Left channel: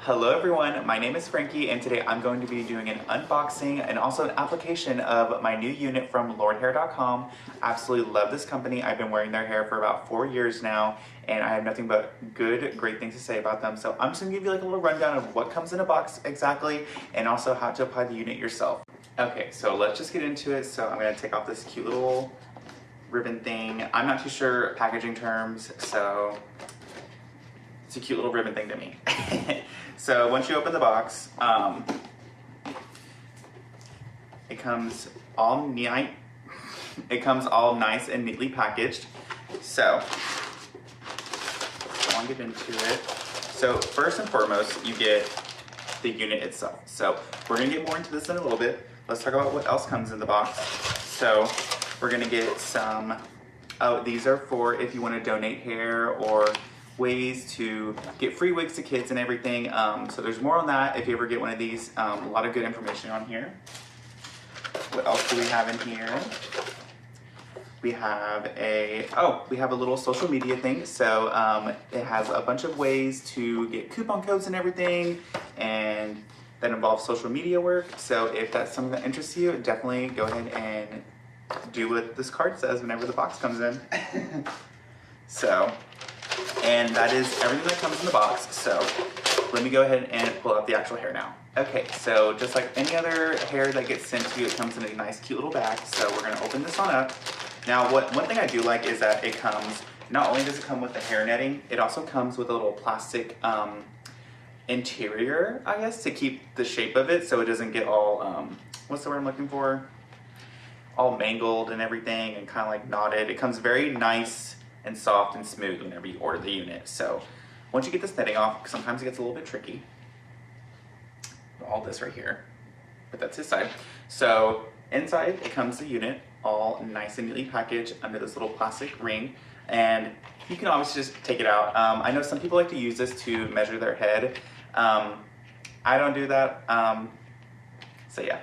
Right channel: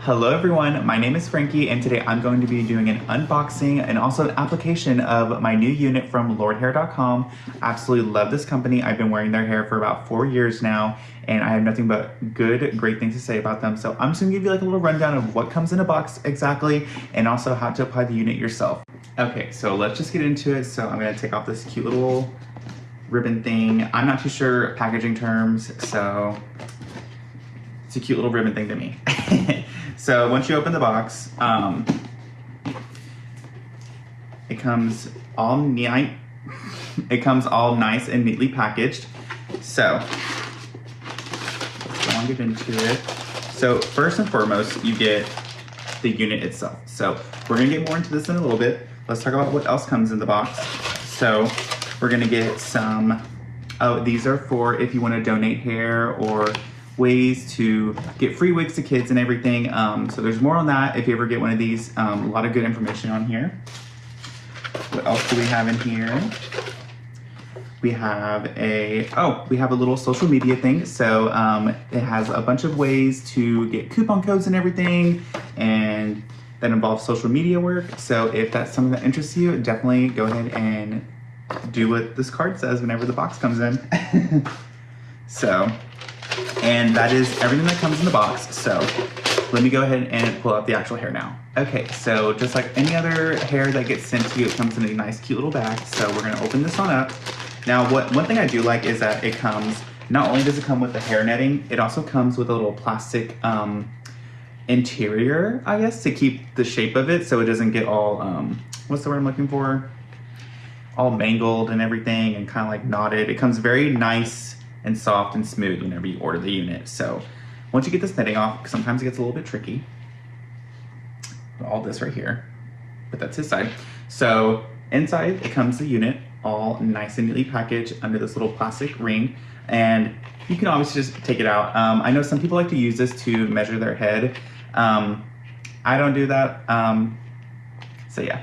Hello everyone, my name is Frankie and today I'm going to be doing an unboxing and also an application of my new unit from Lordhair.com. Absolutely love this company. I've been wearing their hair for about 4 years now and I have nothing but great things to say about them. So I'm just gonna give you like a little rundown of what comes in a box exactly and also how to apply the unit yourself. Okay, so let's just get into it. So I'm gonna take off this cute little ribbon thing. I'm not too sure packaging terms, so it's a cute little ribbon thing to me. So once you open the box, it comes all nice and neatly packaged. So let's go on get into it. So first and foremost, you get the unit itself. So we're gonna get more into this in a little bit. Let's talk about what else comes in the box. So we're gonna get some, these are for if you wanna donate hair or ways to get free wigs to kids and everything. So there's more on that if you ever get one of these. A lot of good information on here. What else do we have in here? We have a little social media thing. So it has a bunch of ways to get coupon codes and everything, and that involves social media work. So if that's something that interests you, definitely go ahead and do what this card says whenever the box comes in. And that is everything that comes in the box. So let me go ahead and pull out the actual hair now. Okay, so just like any other hair that gets sent to you, it comes in a nice cute little bag. So we're gonna open this one up. Now one thing I do like is that it comes, not only does it come with the hair netting, it also comes with a little plastic interior, I guess, to keep the shape of it so it doesn't get all, what's the word I'm looking for? All mangled and everything and kind of like knotted. It comes very nice and soft and smooth whenever you order the unit. So once you get this netting off, sometimes it gets a little bit tricky. All this right here, but that's his side. So inside it comes the unit all nice and neatly packaged under this little plastic ring, and you can obviously just take it out. I know some people like to use this to measure their head. I don't do that. So yeah.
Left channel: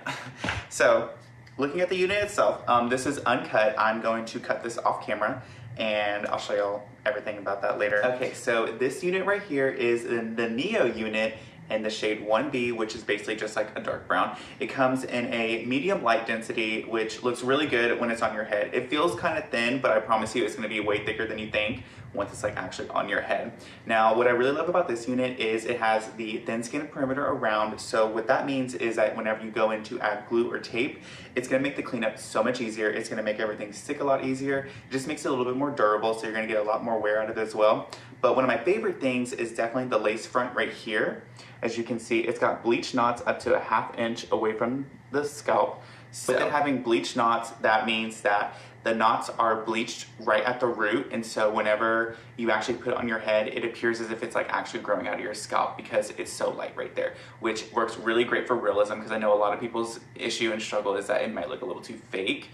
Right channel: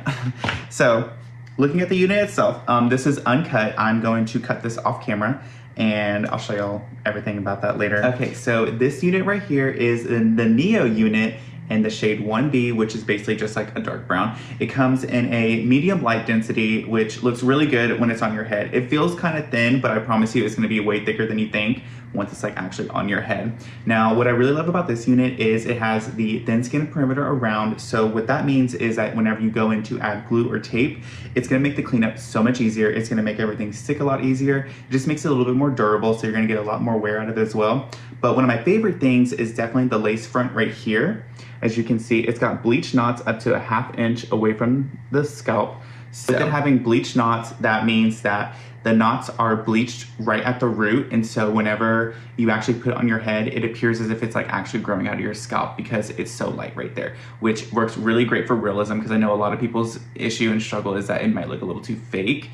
So looking at the unit itself, this is uncut. I'm going to cut this off camera and I'll show y'all everything about that later. Okay, so this unit right here is in the Neo unit in the shade 1B, which is basically just like a dark brown. It comes in a medium light density, which looks really good when it's on your head. It feels kind of thin, but I promise you it's gonna be way thicker than you think once it's like actually on your head. Now, what I really love about this unit is it has the thin skin perimeter around. So what that means is that whenever you go in to add glue or tape, it's gonna make the cleanup so much easier. It's gonna make everything stick a lot easier. It just makes it a little bit more durable, so you're gonna get a lot more wear out of it as well. But one of my favorite things is definitely the lace front right here. As you can see, it's got bleach knots up to a ½ inch away from the scalp. So with it having bleach knots, that means that the knots are bleached right at the root, and so whenever you actually put it on your head, it appears as if it's like actually growing out of your scalp because it's so light right there, which works really great for realism, because I know a lot of people's issue and struggle is that it might look a little too fake.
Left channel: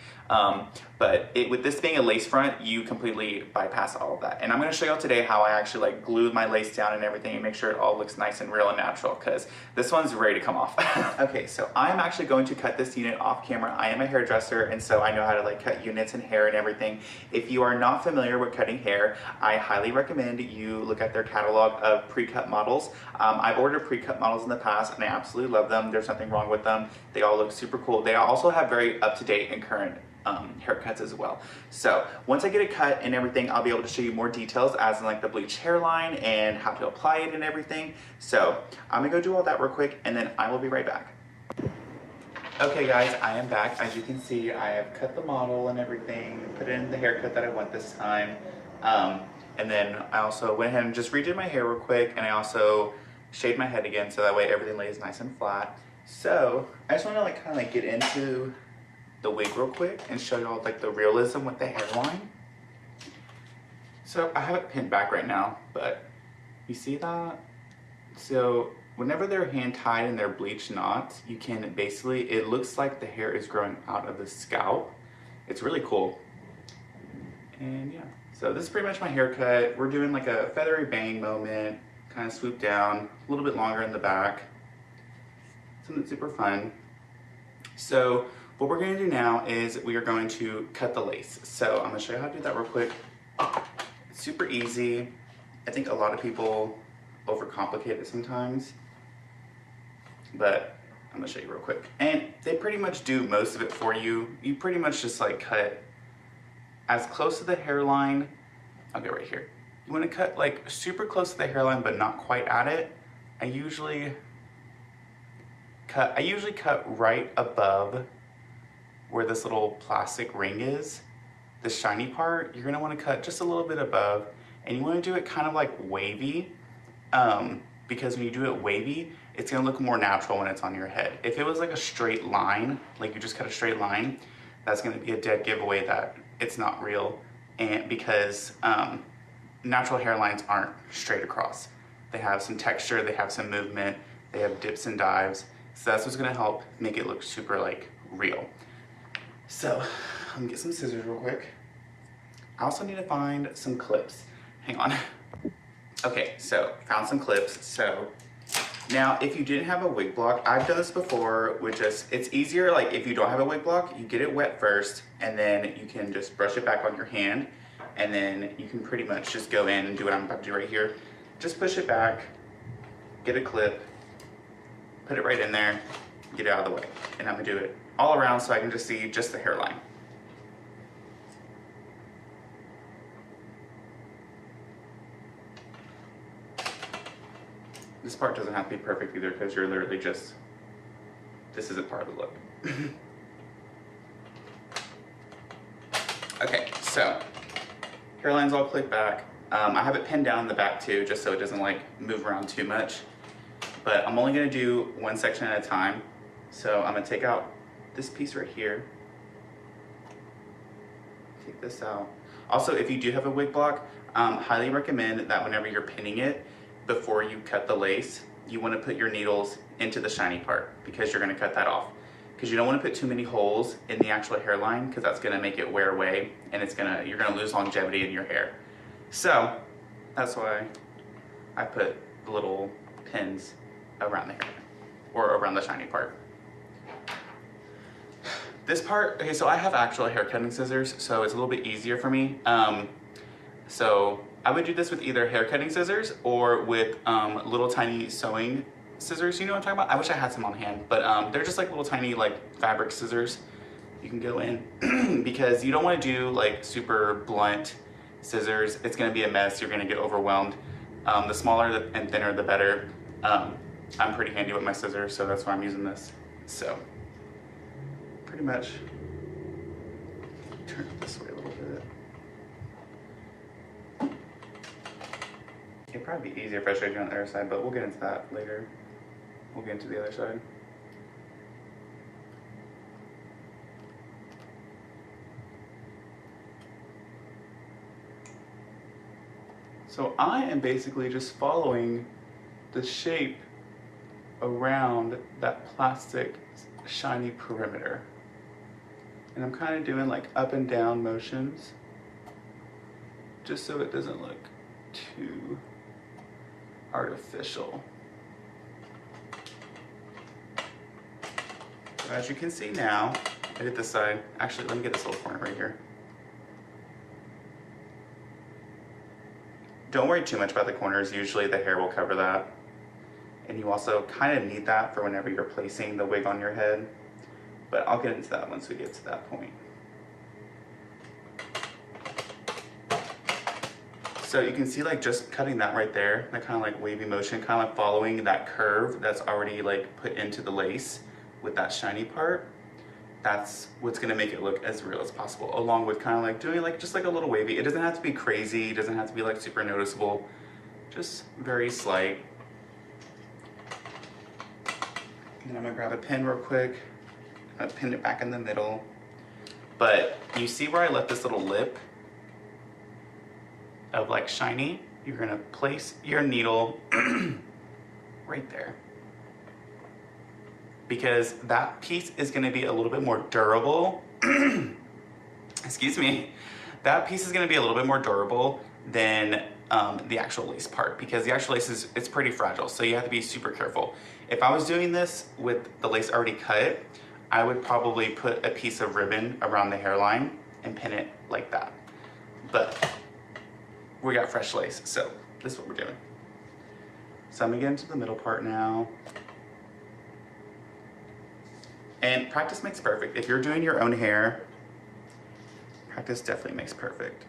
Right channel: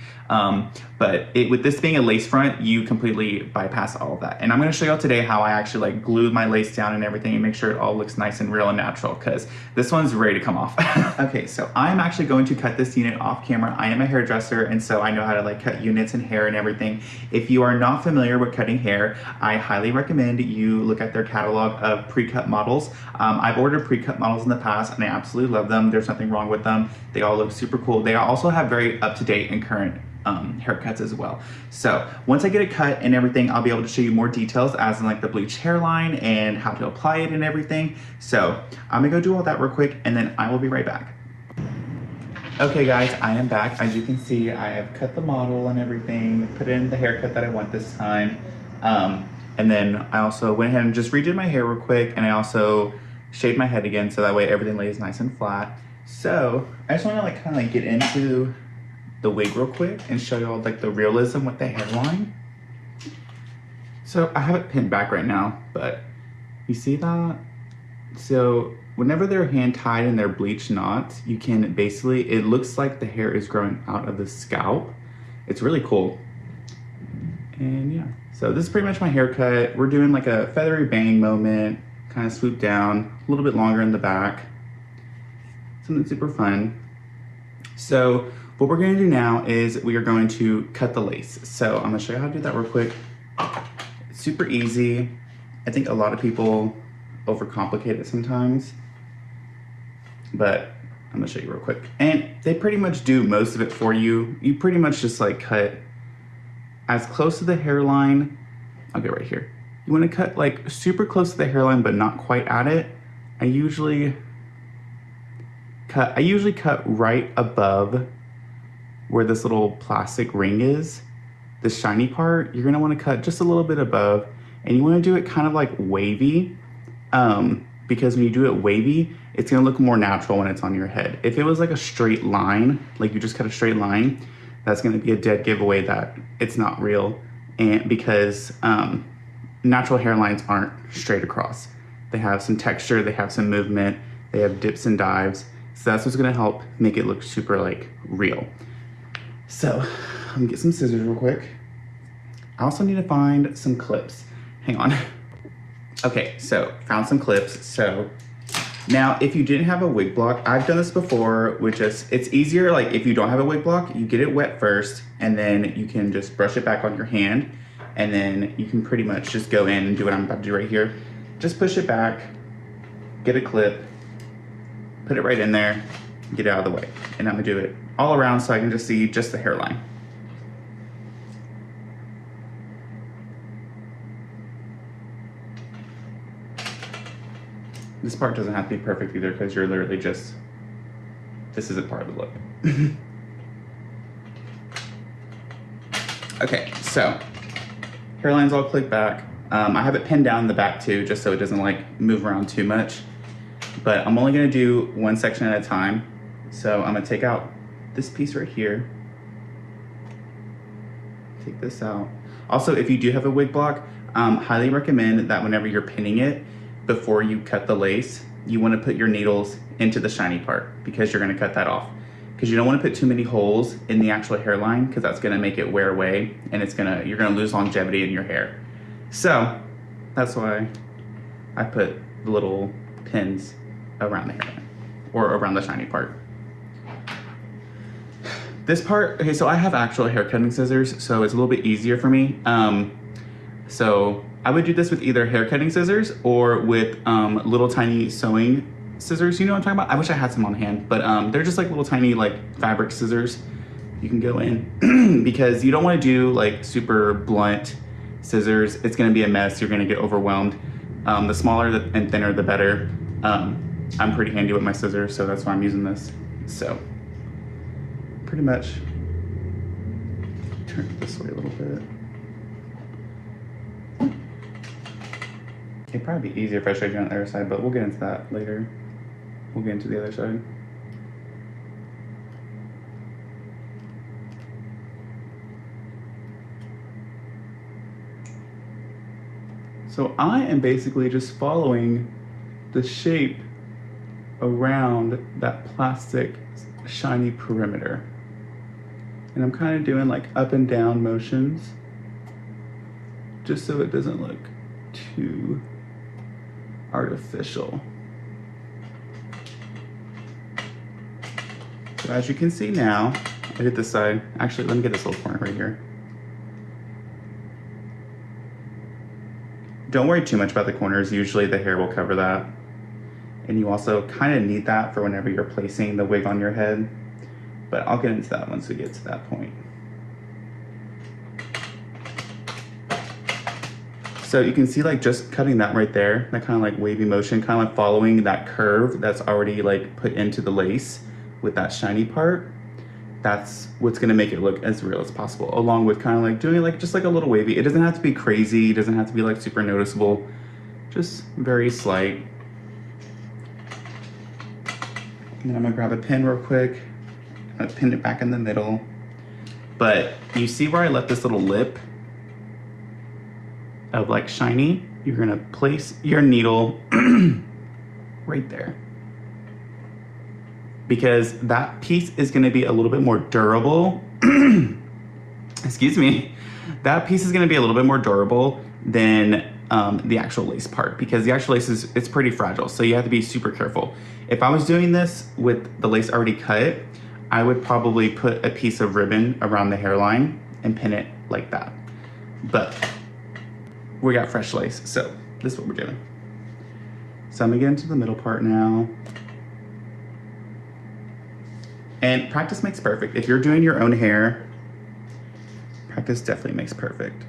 But with this being a lace front, you completely bypass all of that. And I'm gonna show y'all today how I actually like glued my lace down and everything and make sure it all looks nice and real and natural, because this one's ready to come off. Okay, so I'm actually going to cut this unit off camera. I am a hairdresser, and so I know how to like cut units and hair and everything. If you are not familiar with cutting hair, I highly recommend you look at their catalog of pre-cut models. I've ordered pre-cut models in the past and I absolutely love them. There's nothing wrong with them. They all look super cool. They also have very up-to-date and current haircuts as well. So once I get it cut and everything, I'll be able to show you more details as in like the bleached hairline and how to apply it and everything. So I'm gonna go do all that real quick and then I will be right back. Okay guys, I am back. As you can see, I have cut the model and everything, put in the haircut that I want this time. And then I also went ahead and just redid my hair real quick, and I also shaved my head again so that way everything lays nice and flat. So I just want to like kind of like get into the wig real quick and show you all like the realism with the hairline. So I have it pinned back right now, but you see that? So whenever they're hand tied and they're bleached knots, you can basically, it looks like the hair is growing out of the scalp. It's really cool. And yeah, so this is pretty much my haircut. We're doing like a feathery bang moment, kind of swoop down, a little bit longer in the back. Something super fun. So what we're gonna do now is we are going to cut the lace. So I'm gonna show you how to do that real quick. It's super easy. I think a lot of people overcomplicate it sometimes. but I'm gonna show you real quick. And they pretty much do most of it for you. You pretty much just like cut as close to the hairline. I'll get right here. You wanna cut like super close to the hairline, but not quite at it. I usually cut right above where this little plastic ring is. The shiny part, you're gonna wanna cut just a little bit above, and you wanna do it kind of like wavy, because when you do it wavy, it's gonna look more natural when it's on your head. If it was like a straight line, like you just cut a straight line, that's gonna be a dead giveaway that it's not real, and because natural hairlines aren't straight across. They have some texture, they have some movement, they have dips and dives, so that's what's gonna help make it look super like real. So, I'm gonna get some scissors real quick. I also need to find some clips. Hang on. Okay, so found some clips. So now if you didn't have a wig block, I've done this before with just, it's easier like if you don't have a wig block, you get it wet first and then you can just brush it back on your hand and then you can pretty much just go in and do what I'm about to do right here. Just push it back, get a clip, put it right in there, get it out of the way. And I'm gonna do it all around so I can just see just the hairline. This part doesn't have to be perfect either because you're literally just, this isn't part of the look. Okay, so hairline's all clicked back. I have it pinned down in the back too, just so it doesn't like move around too much. But I'm only gonna do one section at a time. So I'm gonna take out this piece right here. Take this out. Also, if you do have a wig block, highly recommend that whenever you're pinning it, before you cut the lace, you wanna put your needles into the shiny part because you're gonna cut that off. Because you don't wanna put too many holes in the actual hairline because that's gonna make it wear away and you're gonna lose longevity in your hair. So, that's why I put the little pins around the hairline or around the shiny part. This part, okay, so I have actual hair cutting scissors, so it's a little bit easier for me. So I would do this with either hair cutting scissors or with little tiny sewing scissors. You know what I'm talking about? I wish I had some on hand, but they're just like little tiny like fabric scissors. You can go in because you don't want to do like super blunt scissors. It's going to be a mess. You're going to get overwhelmed. The smaller and thinner, the better. I'm pretty handy with my scissors, so that's why I'm using this. So pretty much turn it this way a little bit. It'd probably be easier if I showed you on the other side, but we'll get into that later. We'll get into the other side. So I am basically just following the shape around that plastic shiny perimeter. And I'm kind of doing like up and down motions just so it doesn't look too artificial. So as you can see now, I did this side. Actually, let me get this little corner right here. Don't worry too much about the corners. Usually the hair will cover that. And you also kind of need that for whenever you're placing the wig on your head. But I'll get into that once we get to that point. So you can see like just cutting that right there, that kind of like wavy motion, kind of like following that curve that's already like put into the lace with that shiny part. That's what's gonna make it look as real as possible, along with kind of like doing like just like a little wavy. It doesn't have to be crazy, it doesn't have to be like super noticeable, just very slight. And then I'm gonna grab a pin real quick. I'm gonna pin it back in the middle. But you see where I left this little lip of like shiny? You're gonna place your needle right there. Because that piece is gonna be a little bit more durable. Excuse me. That piece is gonna be a little bit more durable than the actual lace part, because the actual lace it's pretty fragile, so you have to be super careful. If I was doing this with the lace already cut, I would probably put a piece of ribbon around the hairline and pin it like that. But we got fresh lace, so this is what we're doing. So I'm gonna get into the middle part now. And practice makes perfect. If you're doing your own hair, practice definitely makes perfect.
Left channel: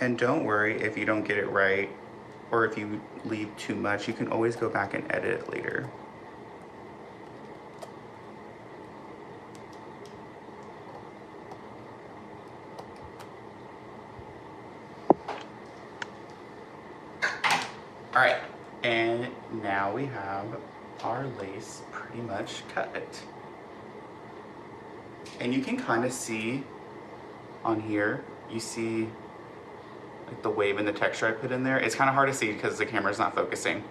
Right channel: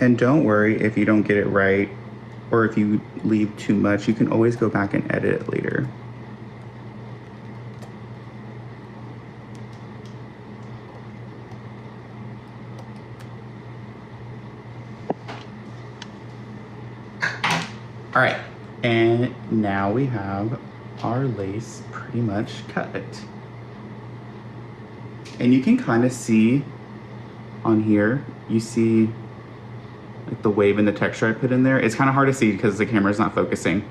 And don't worry if you don't get it right or if you leave too much, you can always go back and edit it later. All right, and now we have our lace pretty much cut. And you can kind of see on here, you see like the wave and the texture I put in there. It's kind of hard to see because the camera's not focusing.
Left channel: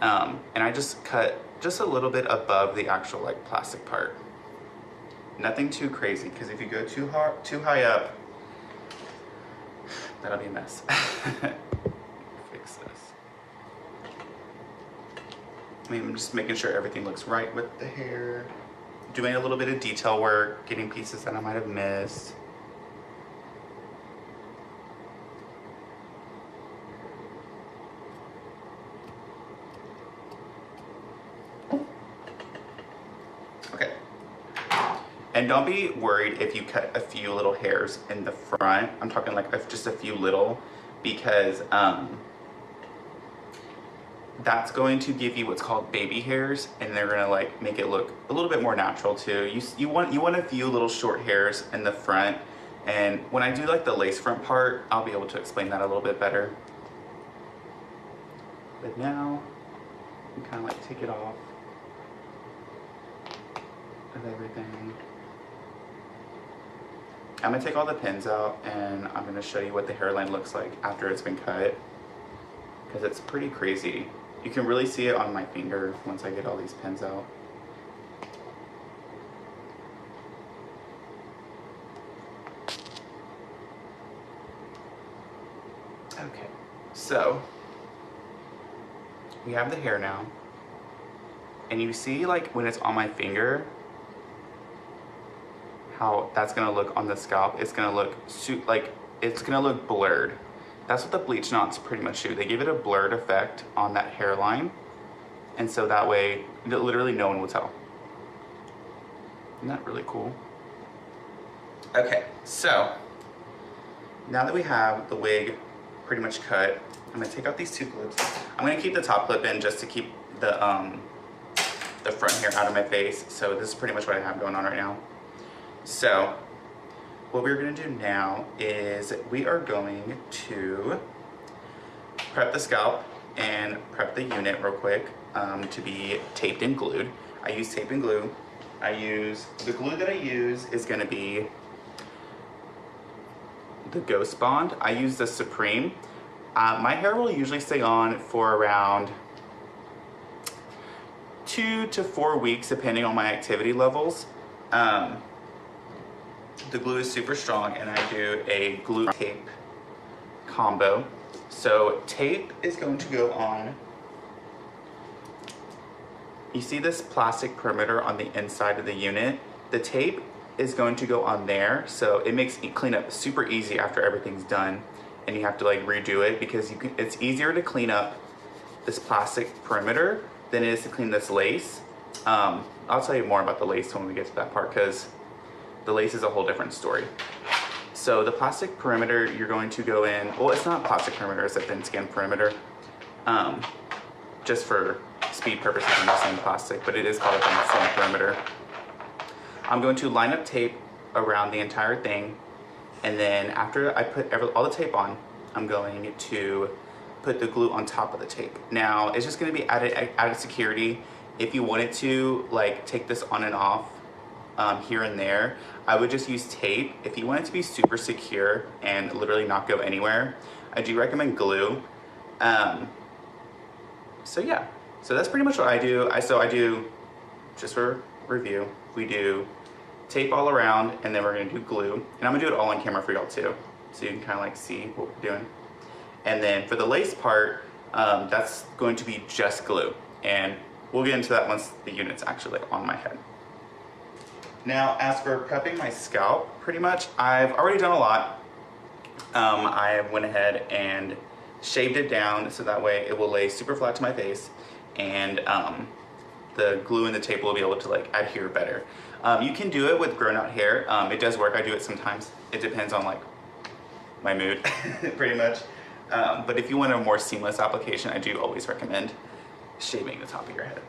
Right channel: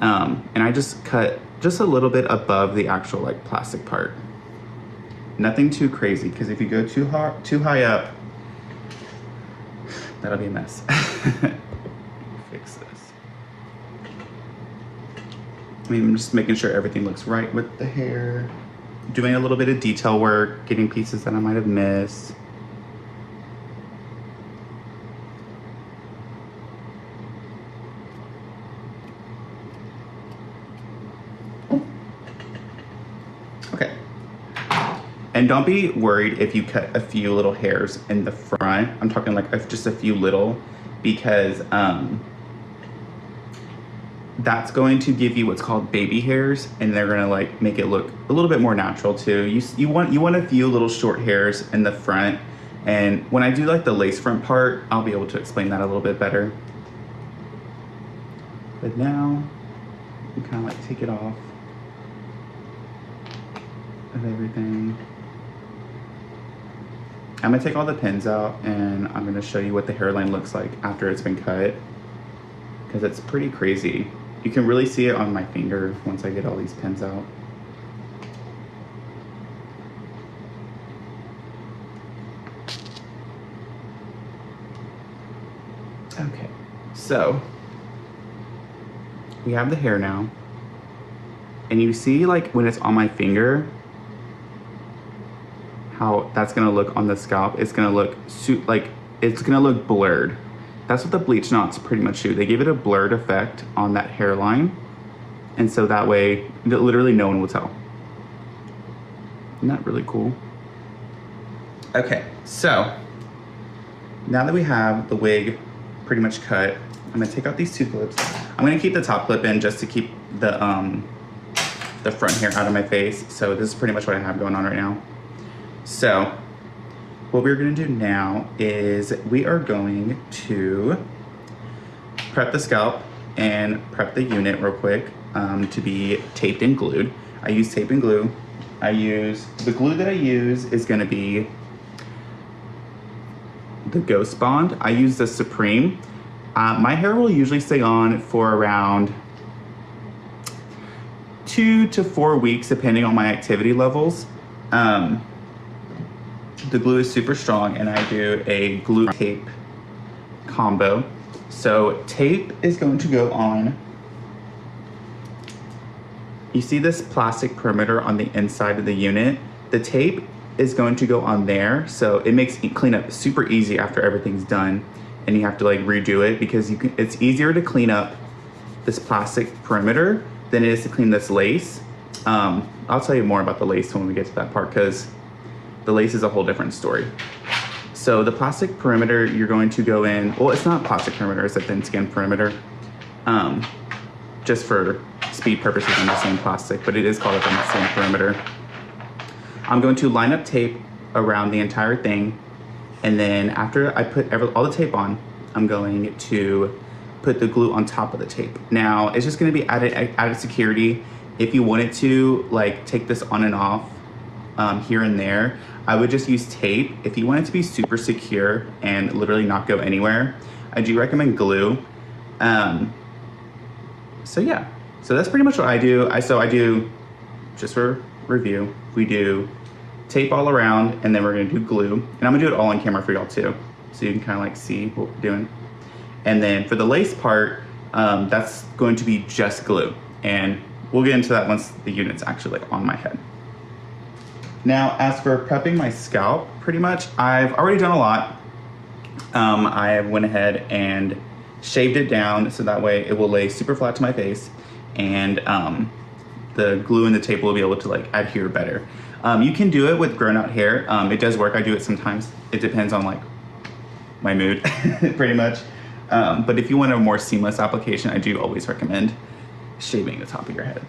And I just cut just a little bit above the actual like plastic part. Nothing too crazy, because if you go too high up, that'll be a mess. Fix this. I mean, I'm just making sure everything looks right with the hair. Doing a little bit of detail work, getting pieces that I might have missed. Okay. And don't be worried if you cut a few little hairs in the front. I'm talking like just a few little, because that's going to give you what's called baby hairs, and they're gonna like make it look a little bit more natural too. You want a few little short hairs in the front, and when I do like the lace front part, I'll be able to explain that a little bit better. But now you kind of like take it off of everything. I'm gonna take all the pins out, and I'm gonna show you what the hairline looks like after it's been cut, because it's pretty crazy. You can really see it on my finger once I get all these pins out. Okay, so we have the hair now, and you see like when it's on my finger, how that's gonna look on the scalp. It's gonna look it's gonna look blurred. That's what the bleach knots pretty much do. They give it a blurred effect on that hairline, and so that way literally no one will tell. Isn't that really cool? Okay, so now that we have the wig pretty much cut, I'm gonna take out these two clips. I'm gonna keep the top clip in just to keep the front hair out of my face. So this is pretty much what I have going on right now. So what we're gonna do now is we are going to prep the scalp and prep the unit real quick to be taped and glued. I use tape and glue. The glue that I use is gonna be the Ghost Bond. I use the Supreme. My hair will usually stay on for around 2 to 4 weeks, depending on my activity levels. The glue is super strong, and I do a glue tape combo. So tape is going to go on. You see this plastic perimeter on the inside of the unit? The tape is going to go on there, so it makes cleanup super easy after everything's done, and you have to like redo it, because it's easier to clean up this plastic perimeter than it is to clean this lace. I'll tell you more about the lace when we get to that part, because the lace is a whole different story. So the plastic perimeter, you're going to go in, well, it's not plastic perimeter, it's a thin skin perimeter. Just for speed purposes, I'm just saying plastic, but it is called a thin skin perimeter. I'm going to line up tape around the entire thing, and then after I put all the tape on, I'm going to put the glue on top of the tape. Now, it's just gonna be added security. If you wanted to like take this on and off here and there, I would just use tape. If you want it to be super secure and literally not go anywhere, I do recommend glue. So yeah, so that's pretty much what I do. I do just for review, we do tape all around, and then we're gonna do glue. And I'm gonna do it all on camera for y'all too, so you can kind of like see what we're doing. And then for the lace part, that's going to be just glue. And we'll get into that once the unit's actually like on my head. Now, as for prepping my scalp, pretty much, I've already done a lot. I went ahead and shaved it down so that way it will lay super flat to my face, and the glue and the tape will be able to like adhere better. You can do it with grown out hair. It does work. I do it sometimes. It depends on like my mood, pretty much. But if you want a more seamless application, I do always recommend shaving the top of your head.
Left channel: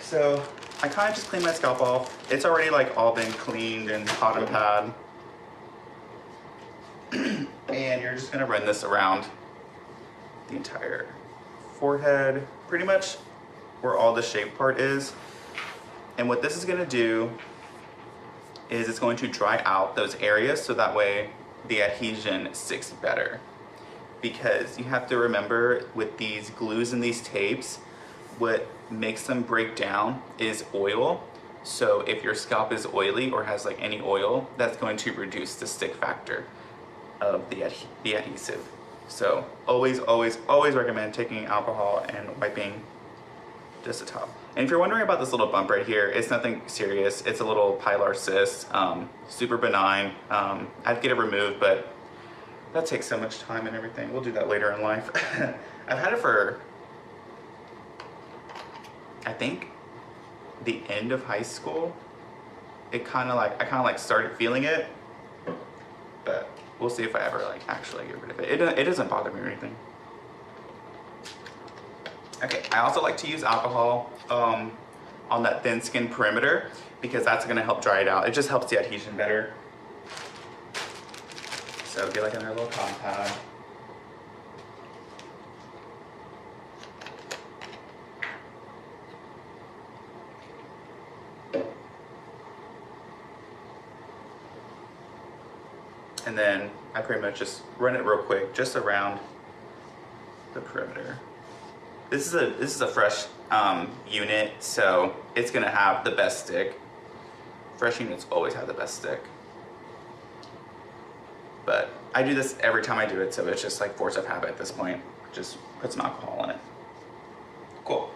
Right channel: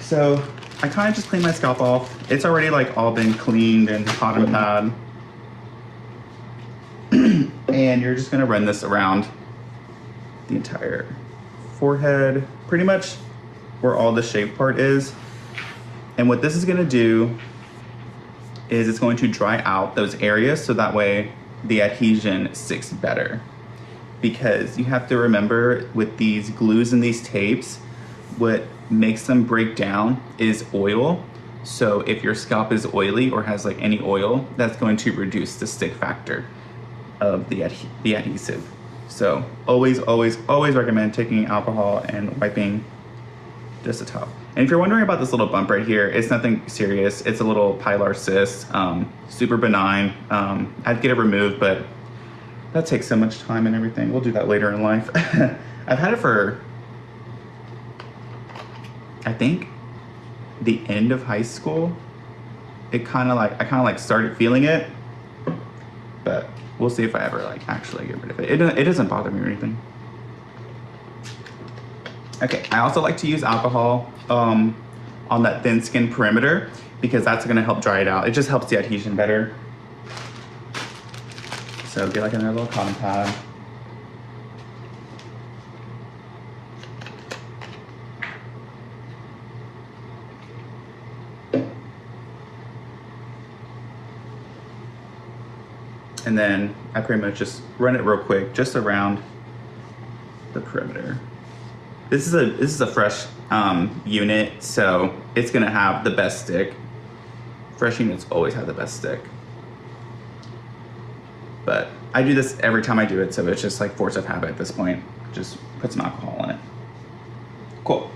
So I kind of just clean my scalp off. It's already like all been cleaned and hot and pad. And you're just gonna run this around the entire forehead, pretty much where all the shaved part is. And what this is gonna do is it's going to dry out those areas so that way the adhesion sticks better. Because you have to remember with these glues and these tapes, what makes them break down is oil. So if your scalp is oily or has like any oil, that's going to reduce the stick factor of the adhesive. So always recommend taking alcohol and wiping just the top. And if you're wondering about this little bump right here, it's nothing serious. It's a little pilar cyst, super benign. I'd get it removed, but that takes so much time and everything. We'll do that later in life. I've had it for, I think, the end of high school. I kind of like started feeling it, but we'll see if I ever like actually get rid of it. It doesn't bother me or anything. Okay, I also like to use alcohol on that thin skin perimeter because that's gonna help dry it out. It just helps the adhesion better. So get like another little cotton pad. And then I pretty much just run it real quick, just around the perimeter. This is a fresh unit, so it's gonna have the best stick. Fresh units always have the best stick. But I do this every time I do it, so it's just like force of habit at this point. Just put some alcohol in it. Cool.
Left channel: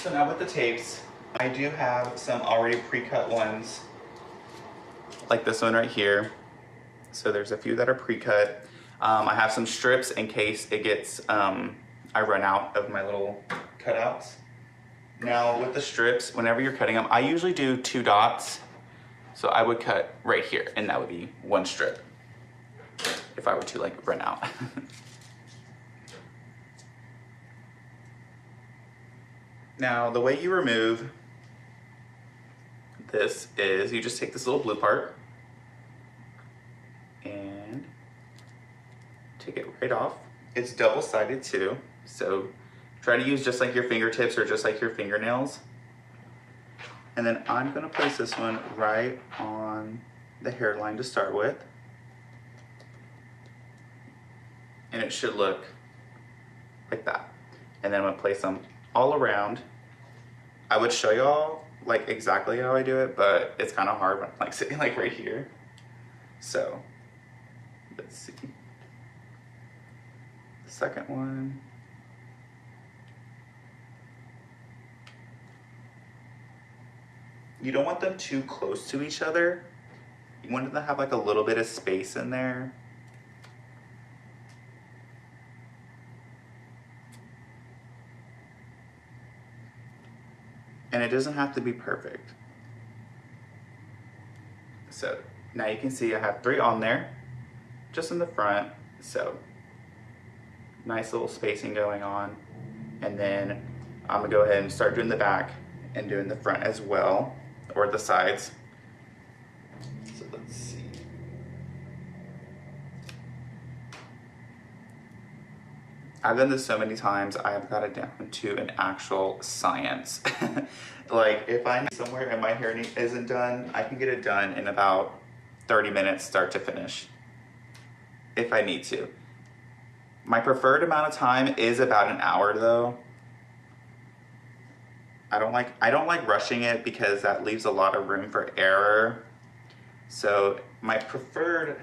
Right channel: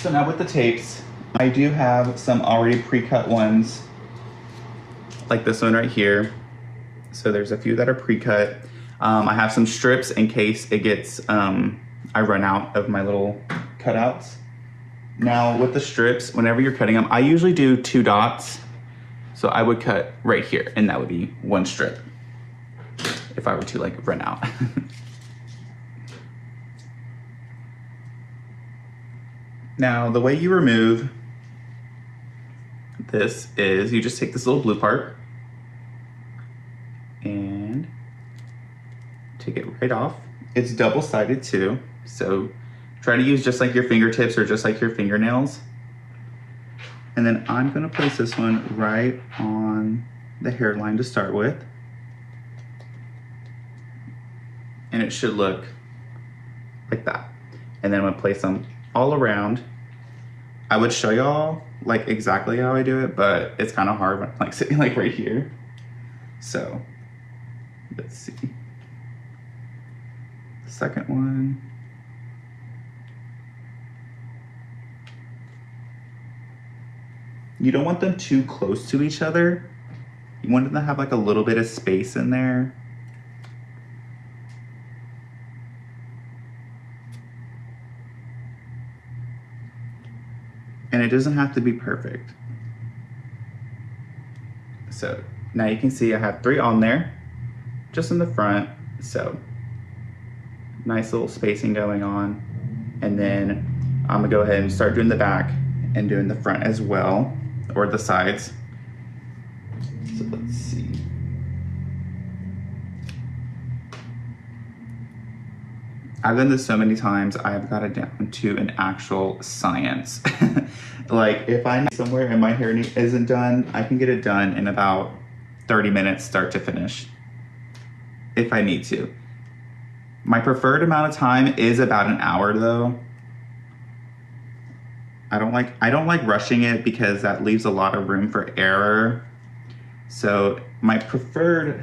So now with the tapes, I do have some already pre-cut ones, like this one right here. So there's a few that are pre-cut. I have some strips in case it gets, I run out of my little cutouts. Now with the strips, whenever you're cutting them, I usually do 2 dots. So I would cut right here, and that would be 1 strip if I were to like run out. Now the way you remove this is you just take this little blue part and take it right off. It's double-sided too, so try to use just like your fingertips or just like your fingernails. And then I'm gonna place this one right on the hairline to start with. And it should look like that. And then I'm gonna place them all around. I would show y'all like exactly how I do it, but it's kind of hard when I'm like sitting like right here. So let's see. The second one. You don't want them too close to each other. You want them to have like a little bit of space in there. And it doesn't have to be perfect. So now you can see I have 3 on there, just in the front. So nice little spacing going on. And then I'm gonna go ahead and start doing the back and doing the front as well, or the sides. So let's see. I've done this so many times, I've got it down to an actual science. Like if I'm somewhere and my hair isn't done, I can get it done in about 30 minutes, start to finish, if I need to. My preferred amount of time is about an hour though. I don't like rushing it because that leaves a lot of room for error. So my preferred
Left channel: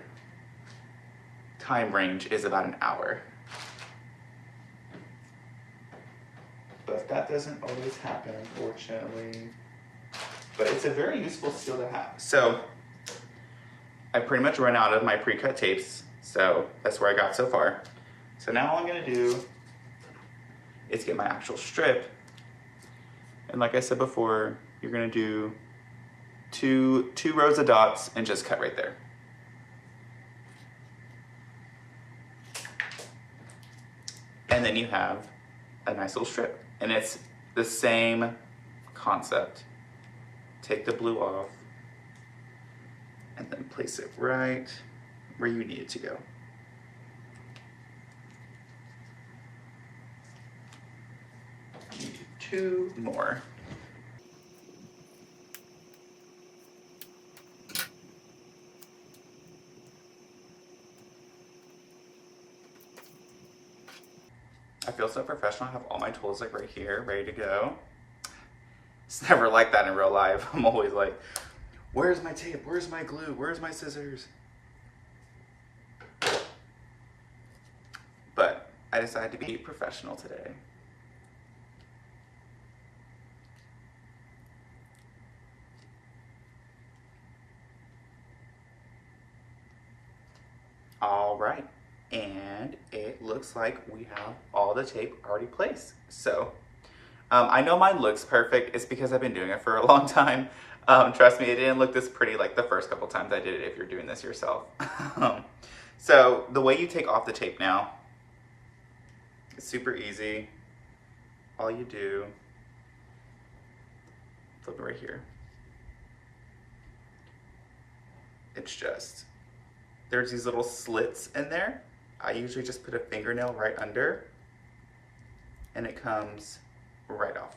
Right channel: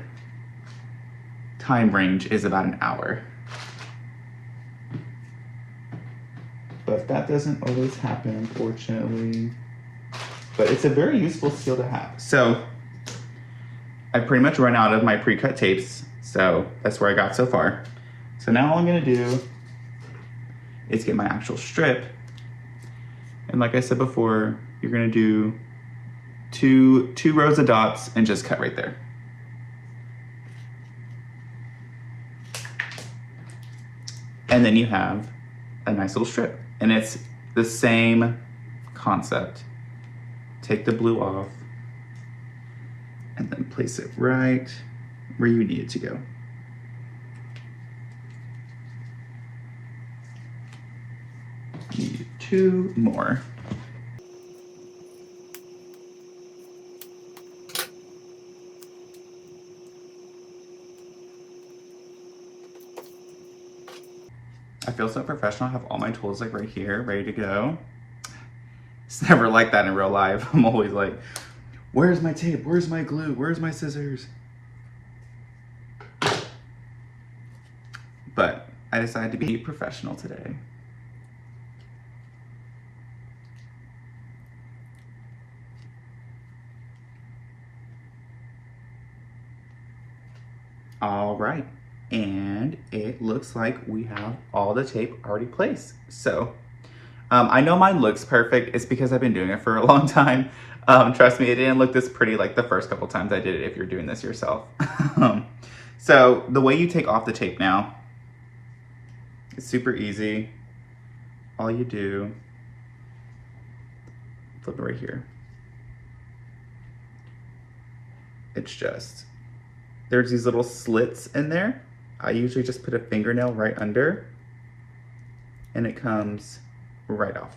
time range is about an hour. But that doesn't always happen, unfortunately. But it's a very useful skill to have. So I pretty much run out of my pre-cut tapes. So that's where I got so far. So now all I'm gonna do is get my actual strip. And like I said before, you're gonna do two rows of dots and just cut right there. And then you have a nice little strip. And it's the same concept. Take the blue off and then place it right where you need it to go. Need 2 more. I feel so professional. I have all my tools like right here, ready to go. It's never like that in real life. I'm always like, where's my tape? Where's my glue? Where's my scissors? But I decided to be professional today. All right, and it looks like we have all the tape already placed. So I know mine looks perfect. It's because I've been doing it for a long time. Trust me, it didn't look this pretty like the first couple times I did it if you're doing this yourself. So the way you take off the tape now, it's super easy. All you do, flip it right here. It's just, there's these little slits in there. I usually just put a fingernail right under and it comes right off.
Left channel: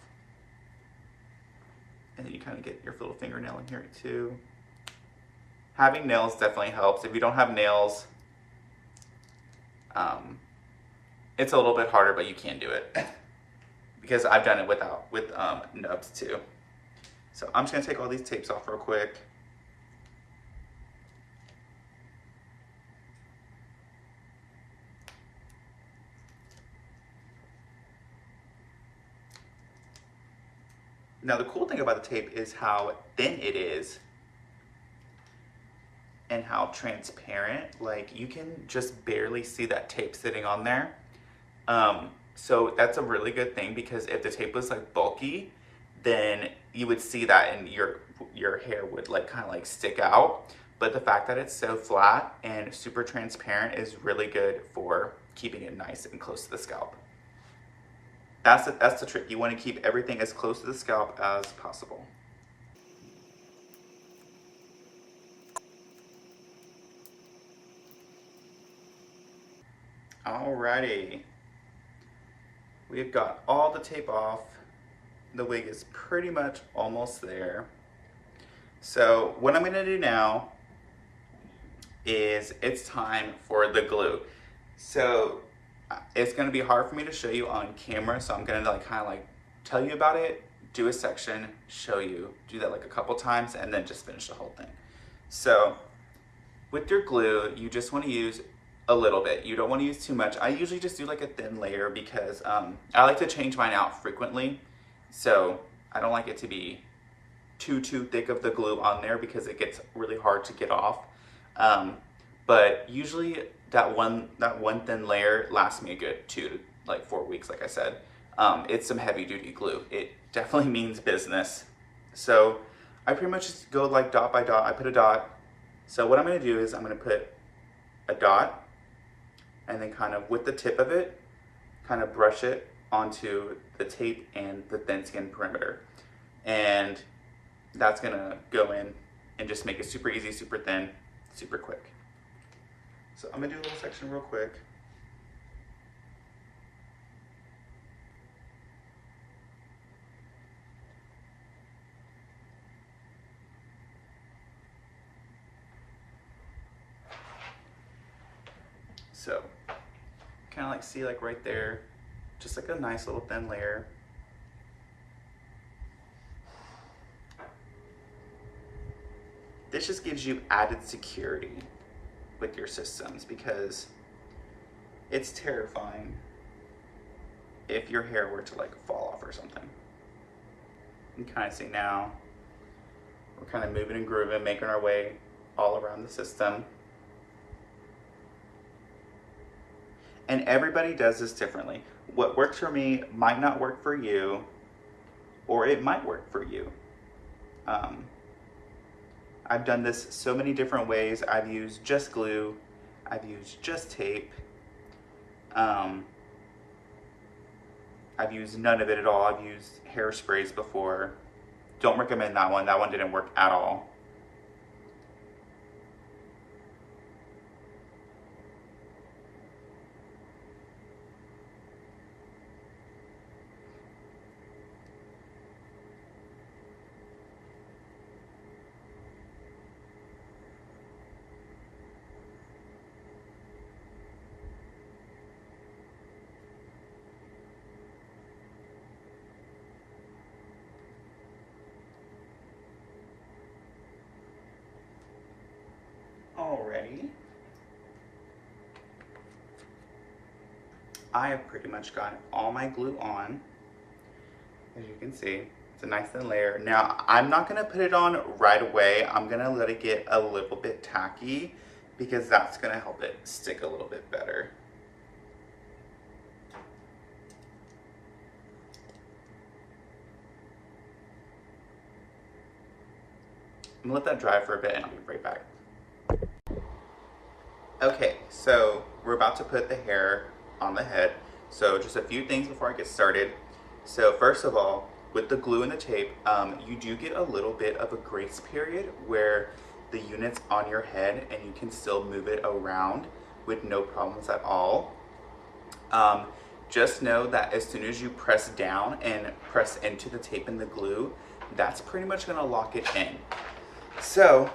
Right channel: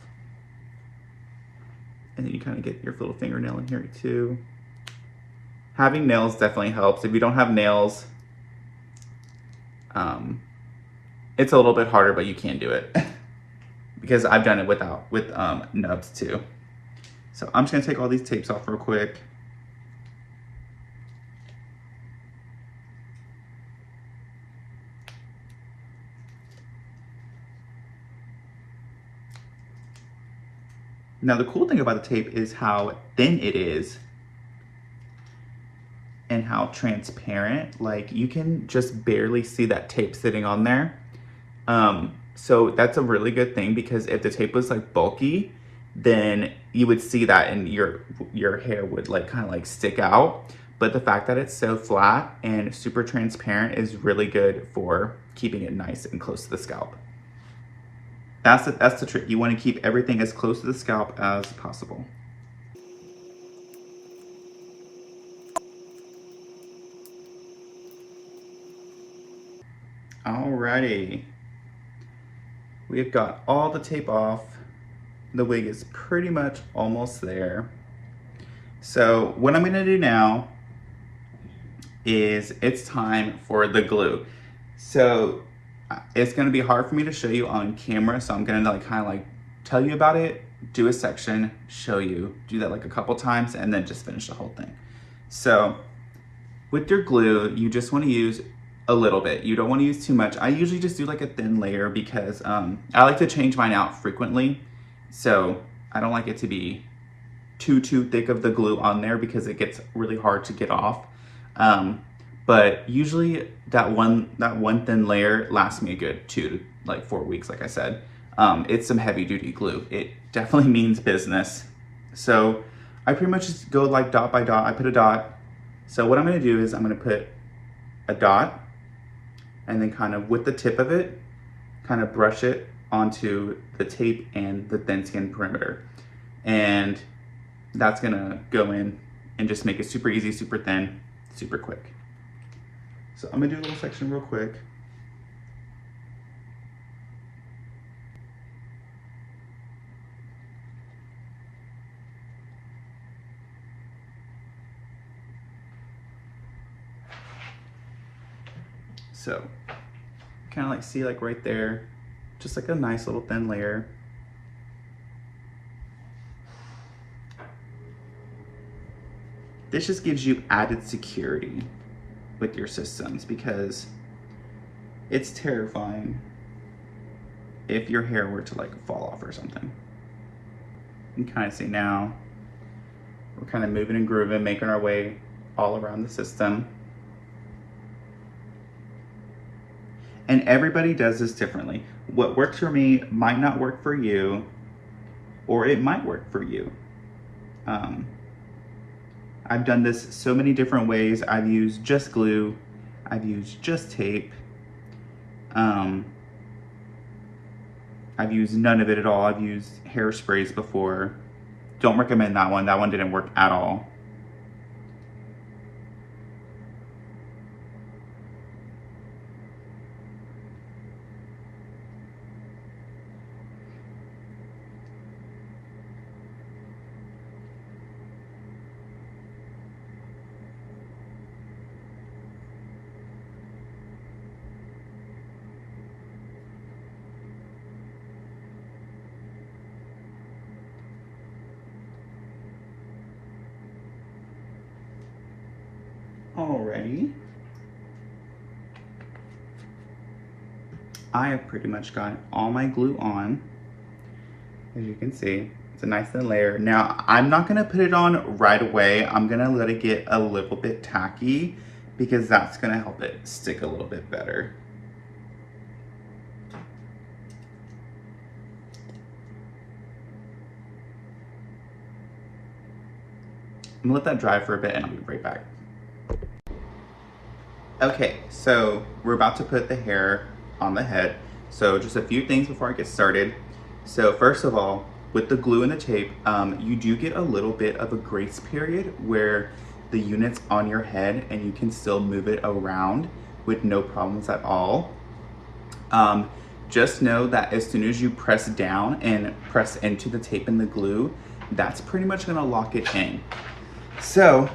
And then you kind of get your little fingernail in here too. Having nails definitely helps. If you don't have nails, it's a little bit harder, but you can do it. Because I've done it with nubs too. So I'm just gonna take all these tapes off real quick. Now the cool thing about the tape is how thin it is and how transparent. Like you can just barely see that tape sitting on there. So that's a really good thing because if the tape was like bulky, then you would see that and your hair would like kind of like stick out. But the fact that it's so flat and super transparent is really good for keeping it nice and close to the scalp. That's the trick. You want to keep everything as close to the scalp as possible. Alrighty. We've got all the tape off. The wig is pretty much almost there. So what I'm gonna do now is it's time for the glue. So it's gonna be hard for me to show you on camera, so I'm gonna like kind of like tell you about it, do a section, show you, do that like a couple times, and then just finish the whole thing. So with your glue, you just wanna use a little bit. You don't wanna use too much. I usually just do like a thin layer because I like to change mine out frequently. So I don't like it to be too thick of the glue on there because it gets really hard to get off. But usually that one thin layer lasts me a good 2 to like 4 weeks, like I said. It's some heavy duty glue. It definitely means business. So I pretty much just go like dot by dot. I put a dot. So what I'm gonna do is I'm gonna put a dot and then kind of with the tip of it, kind of brush it onto the tape and the thin skin perimeter. And that's gonna go in and just make it super easy, super thin, super quick. So I'm gonna do a little section real quick. So kind of like see like right there, just like a nice little thin layer. this just gives you added security with your systems, because it's terrifying if your hair were to like fall off or something. You can kind of see now, we're kind of moving and grooving, making our way all around the system. And everybody does this differently. What works for me might not work for you, or it might work for you. I've done this so many different ways. I've used just glue. I've used just tape. I've used none of it at all. I've used hairsprays before. Don't recommend that one. That one didn't work at all. Alrighty. I have pretty much got all my glue on. As you can see, it's a nice thin layer. Now, I'm not gonna put it on right away. I'm gonna let it get a little bit tacky, because that's gonna help it stick a little bit better. I'm gonna let that dry for a bit and I'll be right back. Okay, so we're about to put the hair on the head. So just a few things before I get started. So first of all, with the glue and the tape, you do get a little bit of a grace period where the unit's on your head and you can still move it around with no problems at all. Just know that as soon as you press down and press into the tape and the glue, that's pretty much gonna lock it in. So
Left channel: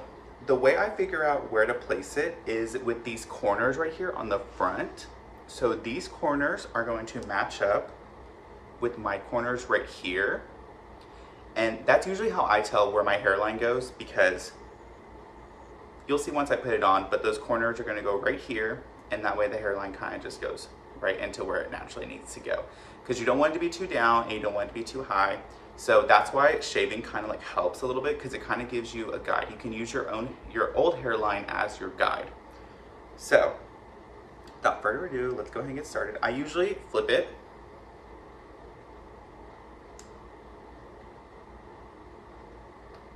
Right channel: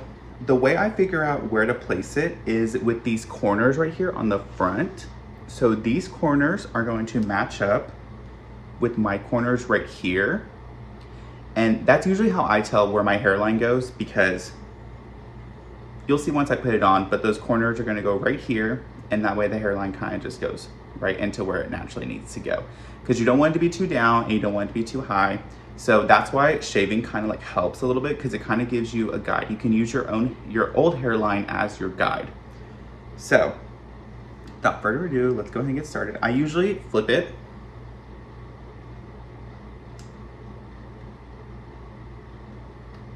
the way I figure out where to place it is with these corners right here on the front. So these corners are going to match up with my corners right here. And that's usually how I tell where my hairline goes, because you'll see once I put it on, but those corners are gonna go right here, and that way the hairline kind of just goes right into where it naturally needs to go. Because you don't want it to be too down and you don't want it to be too high. So that's why shaving kind of like helps a little bit, because it kind of gives you a guide. You can use your old hairline as your guide. So without further ado, let's go ahead and get started. I usually flip it.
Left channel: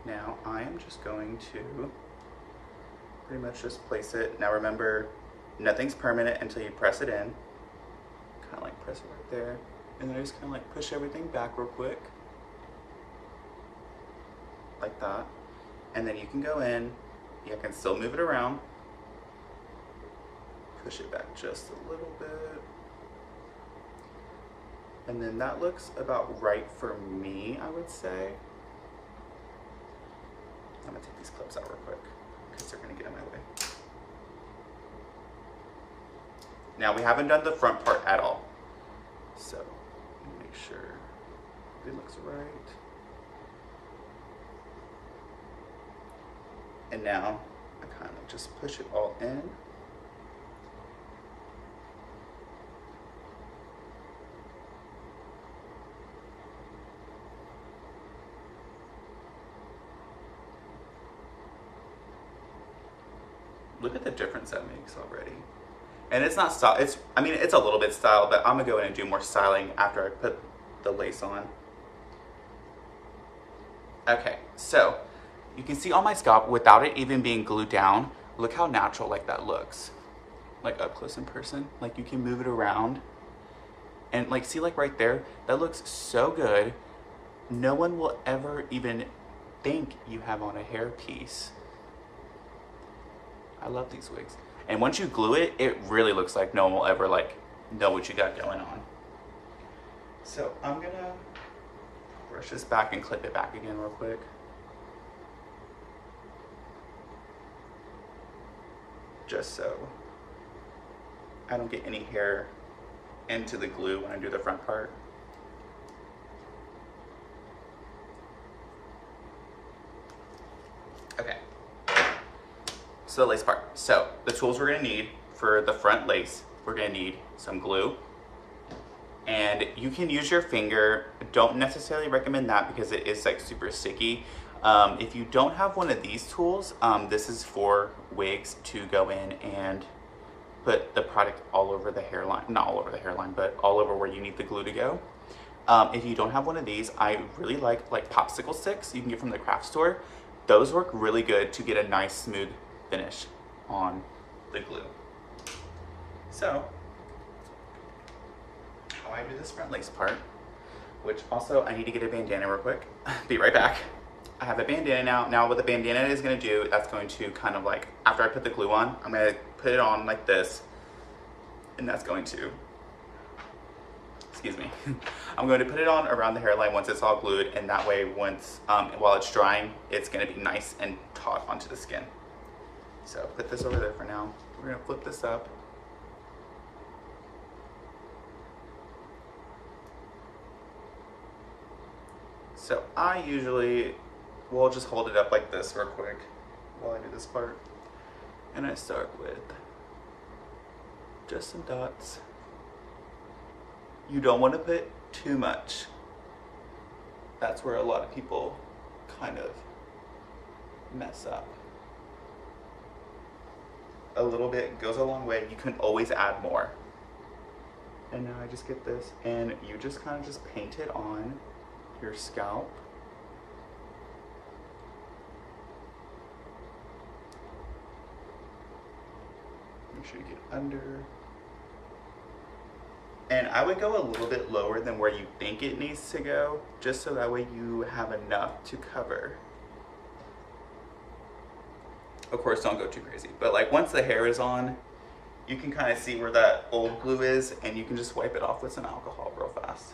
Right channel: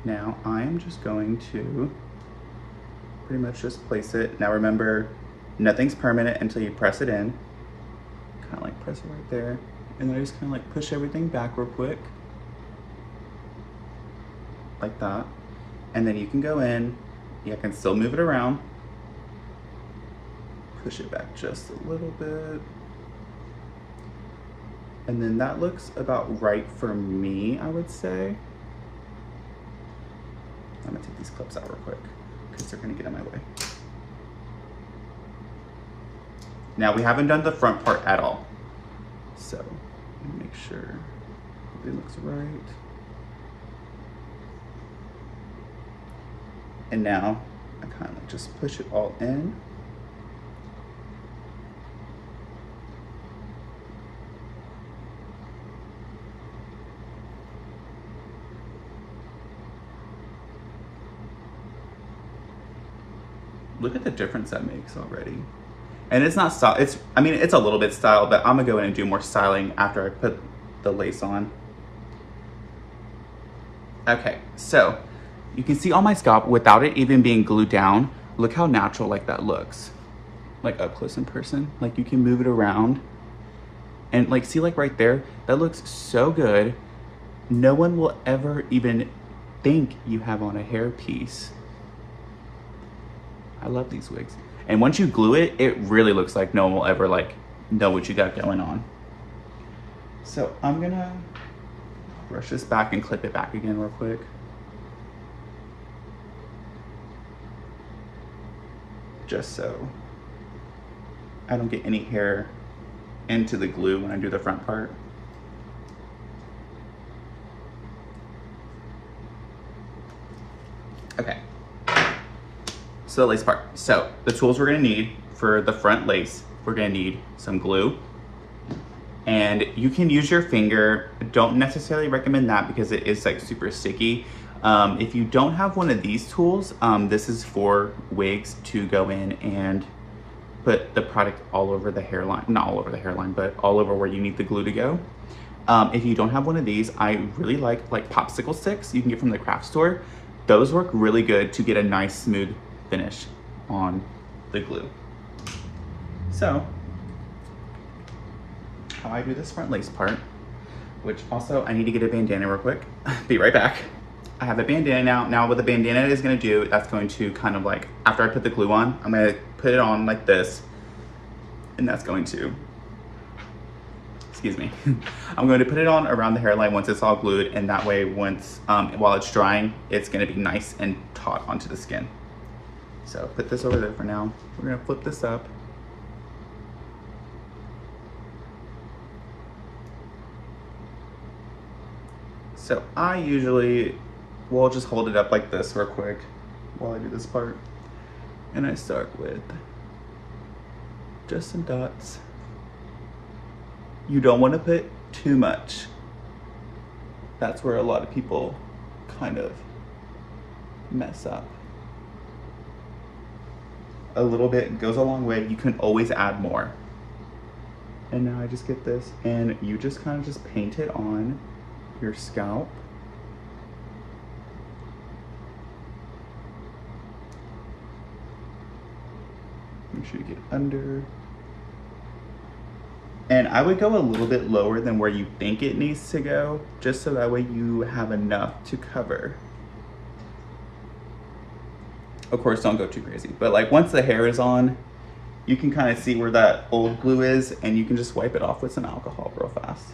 Now I am just going to pretty much just place it. Now remember, nothing's permanent until you press it in. Kind of like press it right there. And then I just kind of like push everything back real quick. Like that. And then you can go in, you can still move it around. Push it back just a little bit. And then that looks about right for me, I would say. I'm gonna take these clips out real quick because they're gonna get in my way. Now we haven't done the front part at all. So let me make sure everything looks right. And now I kind of like just push it all in. Look at the difference that makes already. And it's not style, I mean, it's a little bit style, but I'm gonna go in and do more styling after I put the lace on. Okay, so you can see on my scalp without it even being glued down. Look how natural like that looks. Like up close in person, like you can move it around. And like, see like right there, that looks so good. No one will ever even think you have on a hair piece. I love these wigs. And once you glue it, it really looks like no one will ever like know what you got going on. So I'm gonna brush this back and clip it back again real quick. Just so I don't get any hair into the glue when I do the front part. Okay. to the lace part. So the tools we're gonna need for the front lace, we're gonna need some glue, and you can use your finger. Don't necessarily recommend that because it is like super sticky. If you don't have one of these tools, this is for wigs to go in and put the product all over the hairline, not all over the hairline, but all over where you need the glue to go. If you don't have one of these, I really like popsicle sticks you can get from the craft store. Those work really good to get a nice smooth finish on the glue. So, how I do this front lace part, which also I need to get a bandana real quick. Be right back. I have a bandana now. Now what the bandana is gonna do, that's going to kind of like, after I put the glue on, I'm gonna put it on like this, and that's going to, excuse me, I'm going to put it on around the hairline once it's all glued, and that way once, while it's drying, it's gonna be nice and taut onto the skin. So put this over there for now. We're gonna flip this up. So I usually will just hold it up like this real quick while I do this part. And I start with just some dots. You don't want to put too much. That's where a lot of people kind of mess up. A little bit goes a long way. You can always add more. And now I just get this, and you just kind of just paint it on your scalp. Make sure you get under. And I would go a little bit lower than where you think it needs to go, just so that way you have enough to cover. Of course, don't go too crazy, but like once the hair is on, you can kind of see where that old glue is, and you can just wipe it off with some alcohol real fast.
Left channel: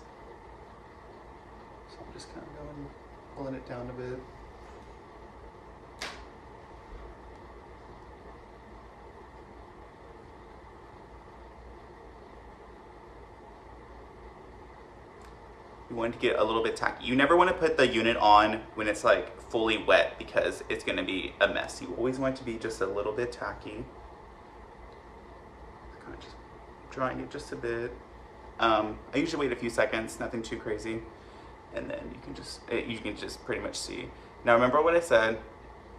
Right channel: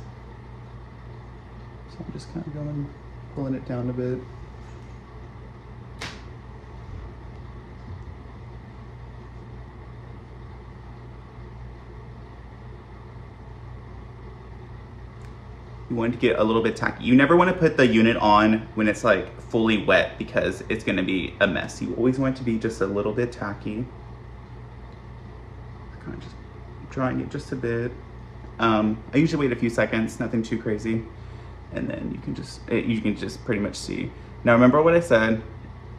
So I'm just kind of going, pulling it down a bit. You want to get a little bit tacky. You never want to put the unit on when it's like fully wet because it's going to be a mess. You always want it to be just a little bit tacky. Kind of just drying it just a bit. I usually wait a few seconds, nothing too crazy. And then you can just pretty much see. Now remember what I said,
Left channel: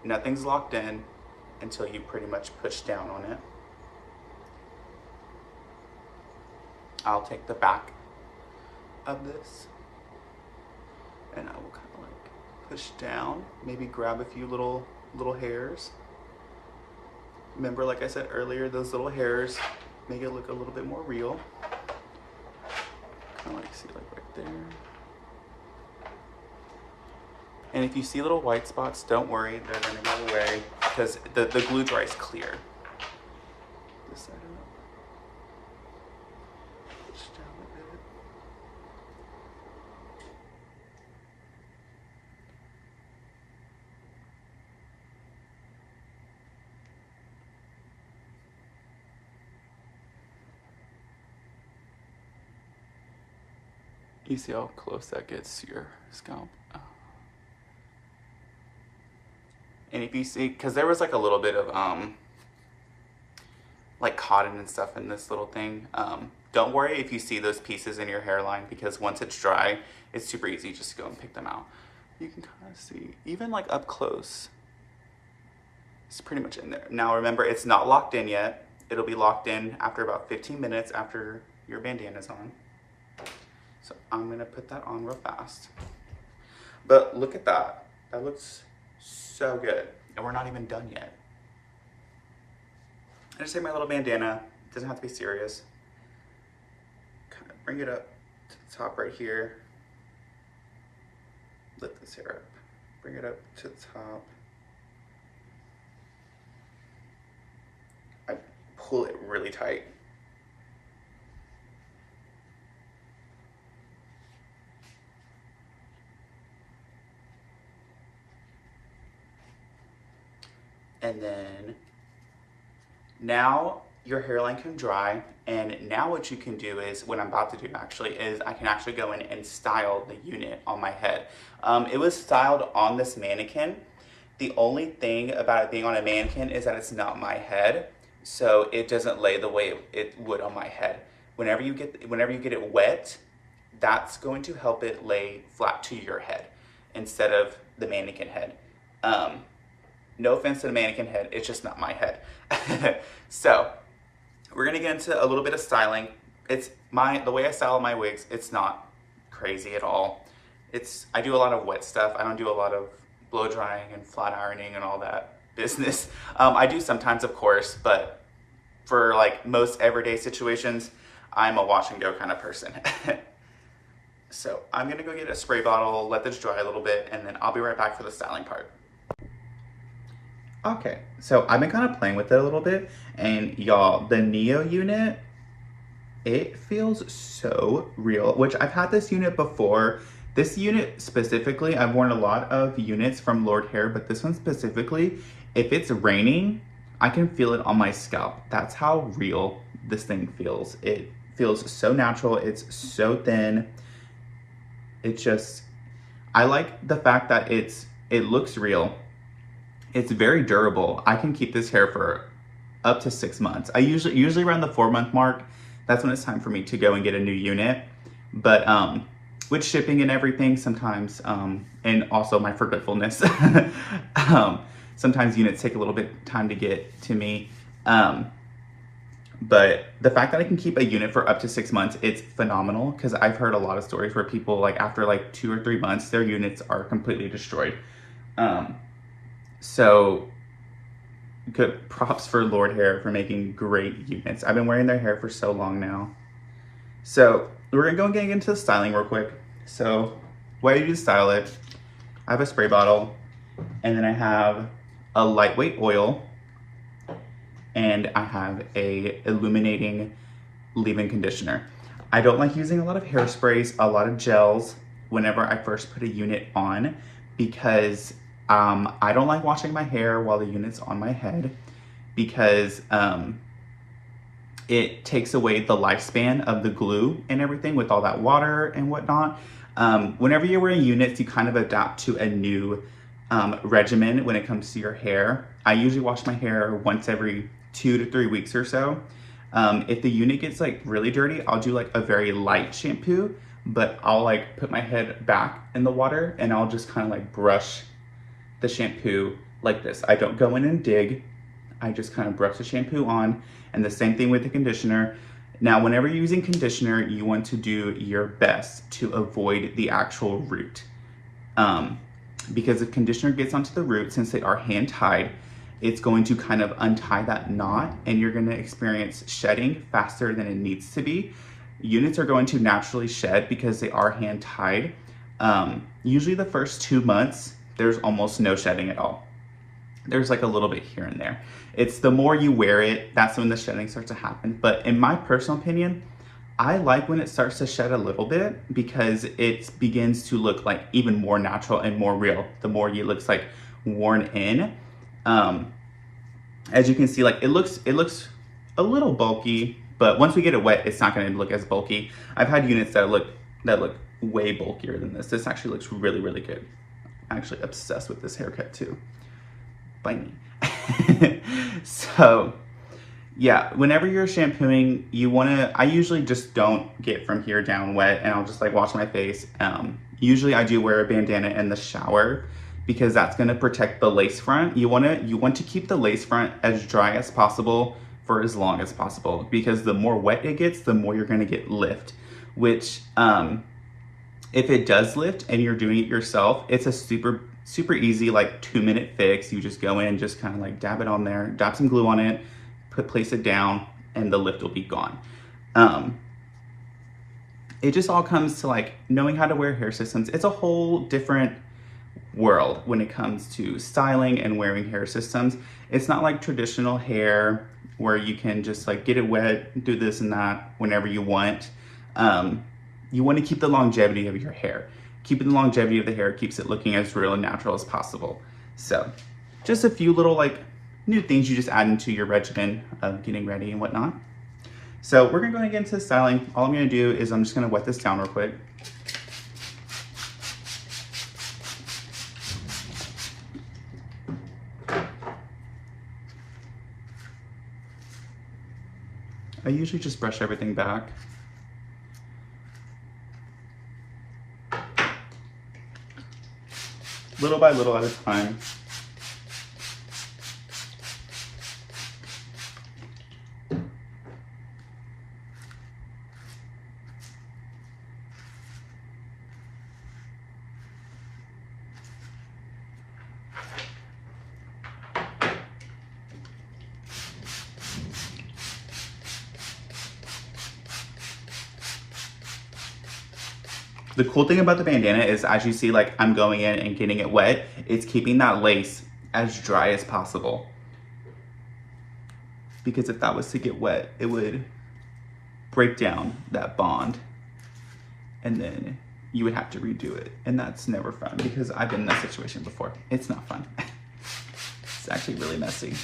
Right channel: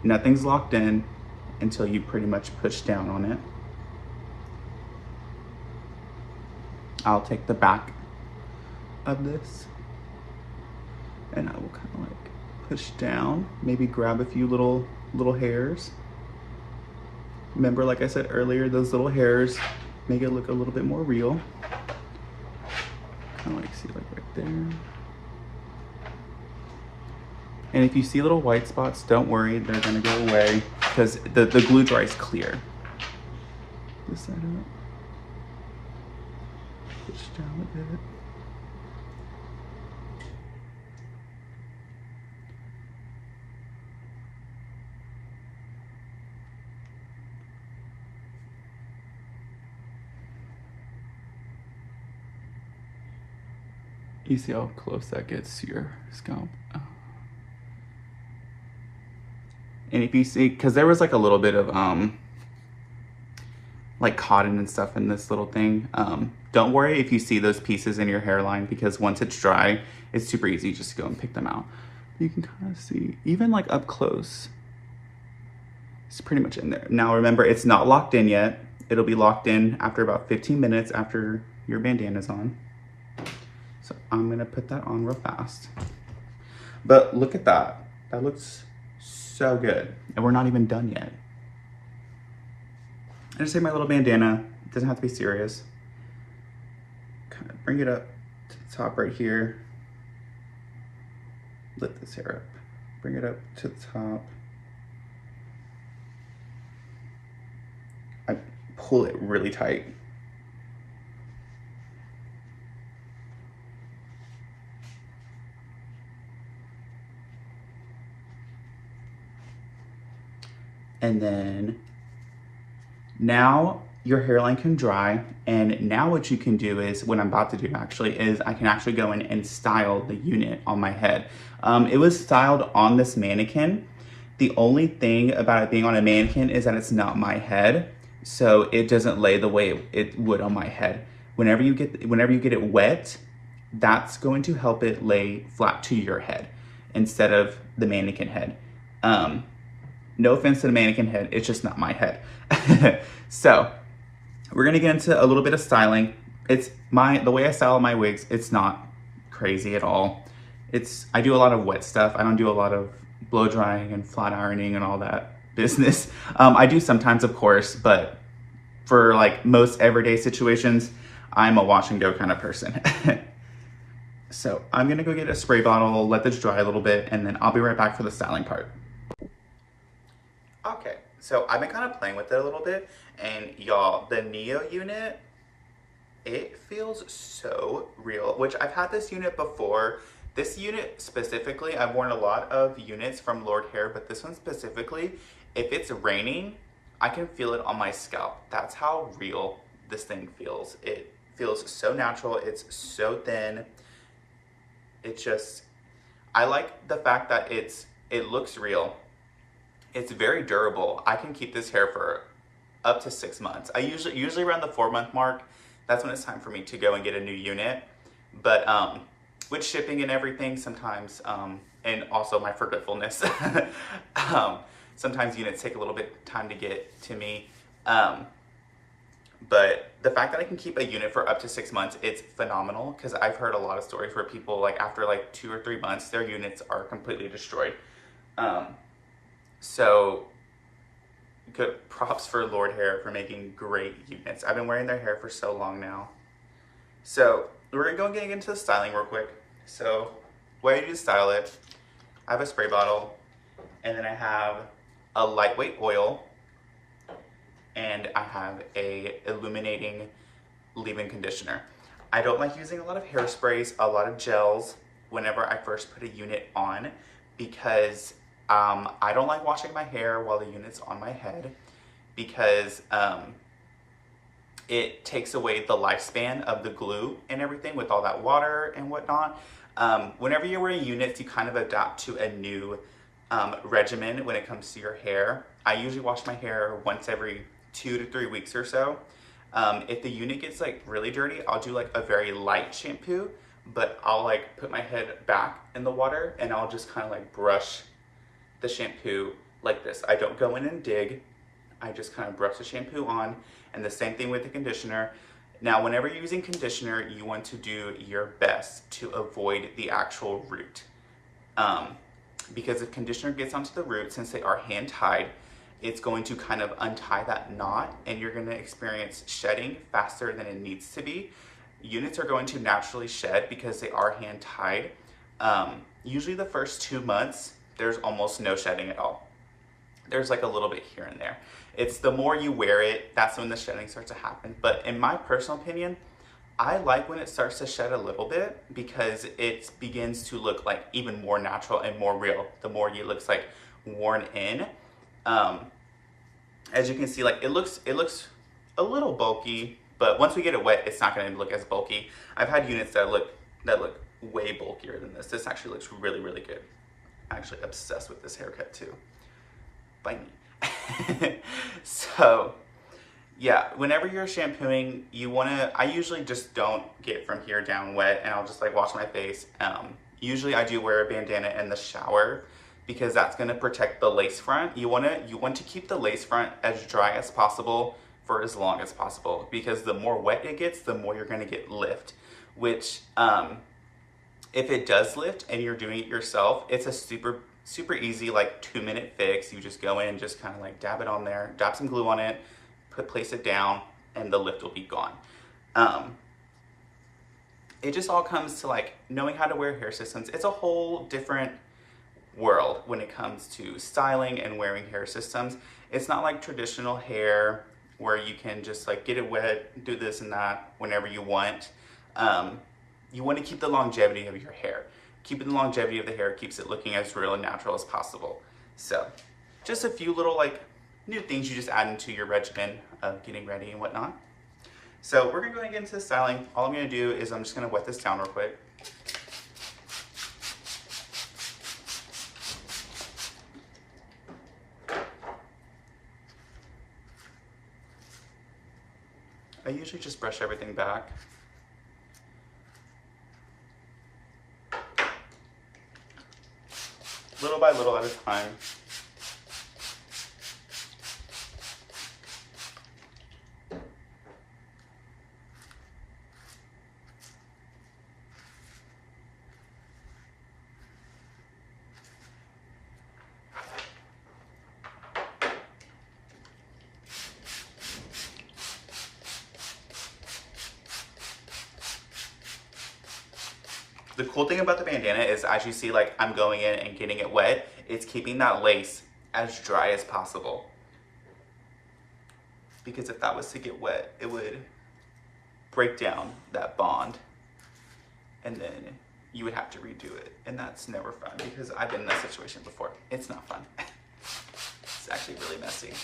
nothing's locked in until you pretty much push down on it. I'll take the back of this and I will kind of like push down, maybe grab a few little hairs. Remember, like I said earlier, those little hairs make it look a little bit more real. Kind of like, see, like right there. And if you see little white spots, don't worry, they're gonna go away because the glue dries clear. This side up. Push down a bit. You see how close that gets to your scalp. And if you see, because there was like a little bit of like cotton and stuff in this little thing, don't worry if you see those pieces in your hairline, because once it's dry, it's super easy just to go and pick them out. You can kind of see, even like up close, it's pretty much in there. Now remember, it's not locked in yet. It'll be locked in after about 15 minutes after your bandana's on. So I'm gonna put that on real fast. But look at that. That looks so good. And we're not even done yet. I just take my little bandana. It doesn't have to be serious. Kind of bring it up to the top right here. Lift this hair up. Bring it up to the top. I pull it really tight. And then now your hairline can dry. And now what you can do is, what I'm about to do actually, is I can actually go in and style the unit on my head. It was styled on this mannequin. The only thing about it being on a mannequin is that it's not my head, so it doesn't lay the way it would on my head. Whenever you get it wet, that's going to help it lay flat to your head instead of the mannequin head. No offense to the mannequin head, it's just not my head. So we're gonna get into a little bit of styling. The way I style my wigs, it's not crazy at all. I do a lot of wet stuff. I don't do a lot of blow drying and flat ironing and all that business. I do sometimes, of course, but for like most everyday situations, I'm a wash and go kind of person. So I'm gonna go get a spray bottle, let this dry a little bit, and then I'll be right back for the styling part. Okay, so I've been kind of playing with it a little bit, and y'all, the Neo unit, it feels so real, which I've had this unit before. This unit specifically, I've worn a lot of units from Lordhair, but this one specifically, if it's raining, I can feel it on my scalp. That's how real this thing feels. It feels so natural, it's so thin. I like the fact that it looks real. It's very durable. I can keep this hair for up to 6 months. I usually around the 4-month mark, that's when it's time for me to go and get a new unit. But with shipping and everything, sometimes, and also my forgetfulness, sometimes units take a little bit time to get to me. But the fact that I can keep a unit for up to 6 months, it's phenomenal, because I've heard a lot of stories where people, like after like 2 or 3 months, their units are completely destroyed. So good props for Lordhair for making great units. I've been wearing their hair for so long now. So we're gonna go and get into the styling real quick. So what I do to style it, I have a spray bottle, and then I have a lightweight oil, and I have a illuminating leave-in conditioner. I don't like using a lot of hairsprays, a lot of gels whenever I first put a unit on, because I don't like washing my hair while the unit's on my head, because it takes away the lifespan of the glue and everything with all that water and whatnot. Whenever you're wearing units, you kind of adapt to a new regimen when it comes to your hair. I usually wash my hair once every 2 to 3 weeks or so. If the unit gets like really dirty, I'll do like a very light shampoo, but I'll like put my head back in the water and I'll just kind of like brush the shampoo like this. I don't go in and dig. I just kind of brush the shampoo on, and the same thing with the conditioner. Now, whenever you're using conditioner, you want to do your best to avoid the actual root. Because if conditioner gets onto the root, since they are hand tied, it's going to kind of untie that knot, and you're gonna experience shedding faster than it needs to be. Units are going to naturally shed because they are hand tied. Usually the first 2 months, there's almost no shedding at all. There's like a little bit here and there. It's the more you wear it, that's when the shedding starts to happen. But in my personal opinion, I like when it starts to shed a little bit, because it begins to look like even more natural and more real. The more it looks like worn in. As you can see, like it looks a little bulky, but once we get it wet, it's not going to look as bulky. I've had units that look way bulkier than this. This actually looks really, really good. I'm actually obsessed with this haircut too. By me. So yeah, whenever you're shampooing, I usually just don't get from here down wet, and I'll just like wash my face. Usually I do wear a bandana in the shower, because that's going to protect the lace front. You want to keep the lace front as dry as possible for as long as possible, because the more wet it gets, the more you're going to get lift, which if it does lift and you're doing it yourself, it's a super easy like 2-minute fix. You just go in, just kind of like dab it on there, dab some glue on it, place it down, and the lift will be gone. It just all comes to like knowing how to wear hair systems. It's a whole different world when it comes to styling and wearing hair systems. It's not like traditional hair where you can just like get it wet, do this and that whenever you want. You want to keep the longevity of your hair. Keeping the longevity of the hair keeps it looking as real and natural as possible. So just a few little like new things you just add into your regimen of getting ready and whatnot. So we're gonna go and get into the styling. All I'm gonna do is I'm just gonna wet this down real quick. usually just brush everything back. Little by little at a time. The cool thing about the bandana is, as you see, like I'm going in and getting it wet, it's keeping that lace as dry as possible. Because if that was to get wet, it would break down that bond and then you would have to redo it. And that's never fun because I've been in that situation before. It's not fun. It's actually really messy.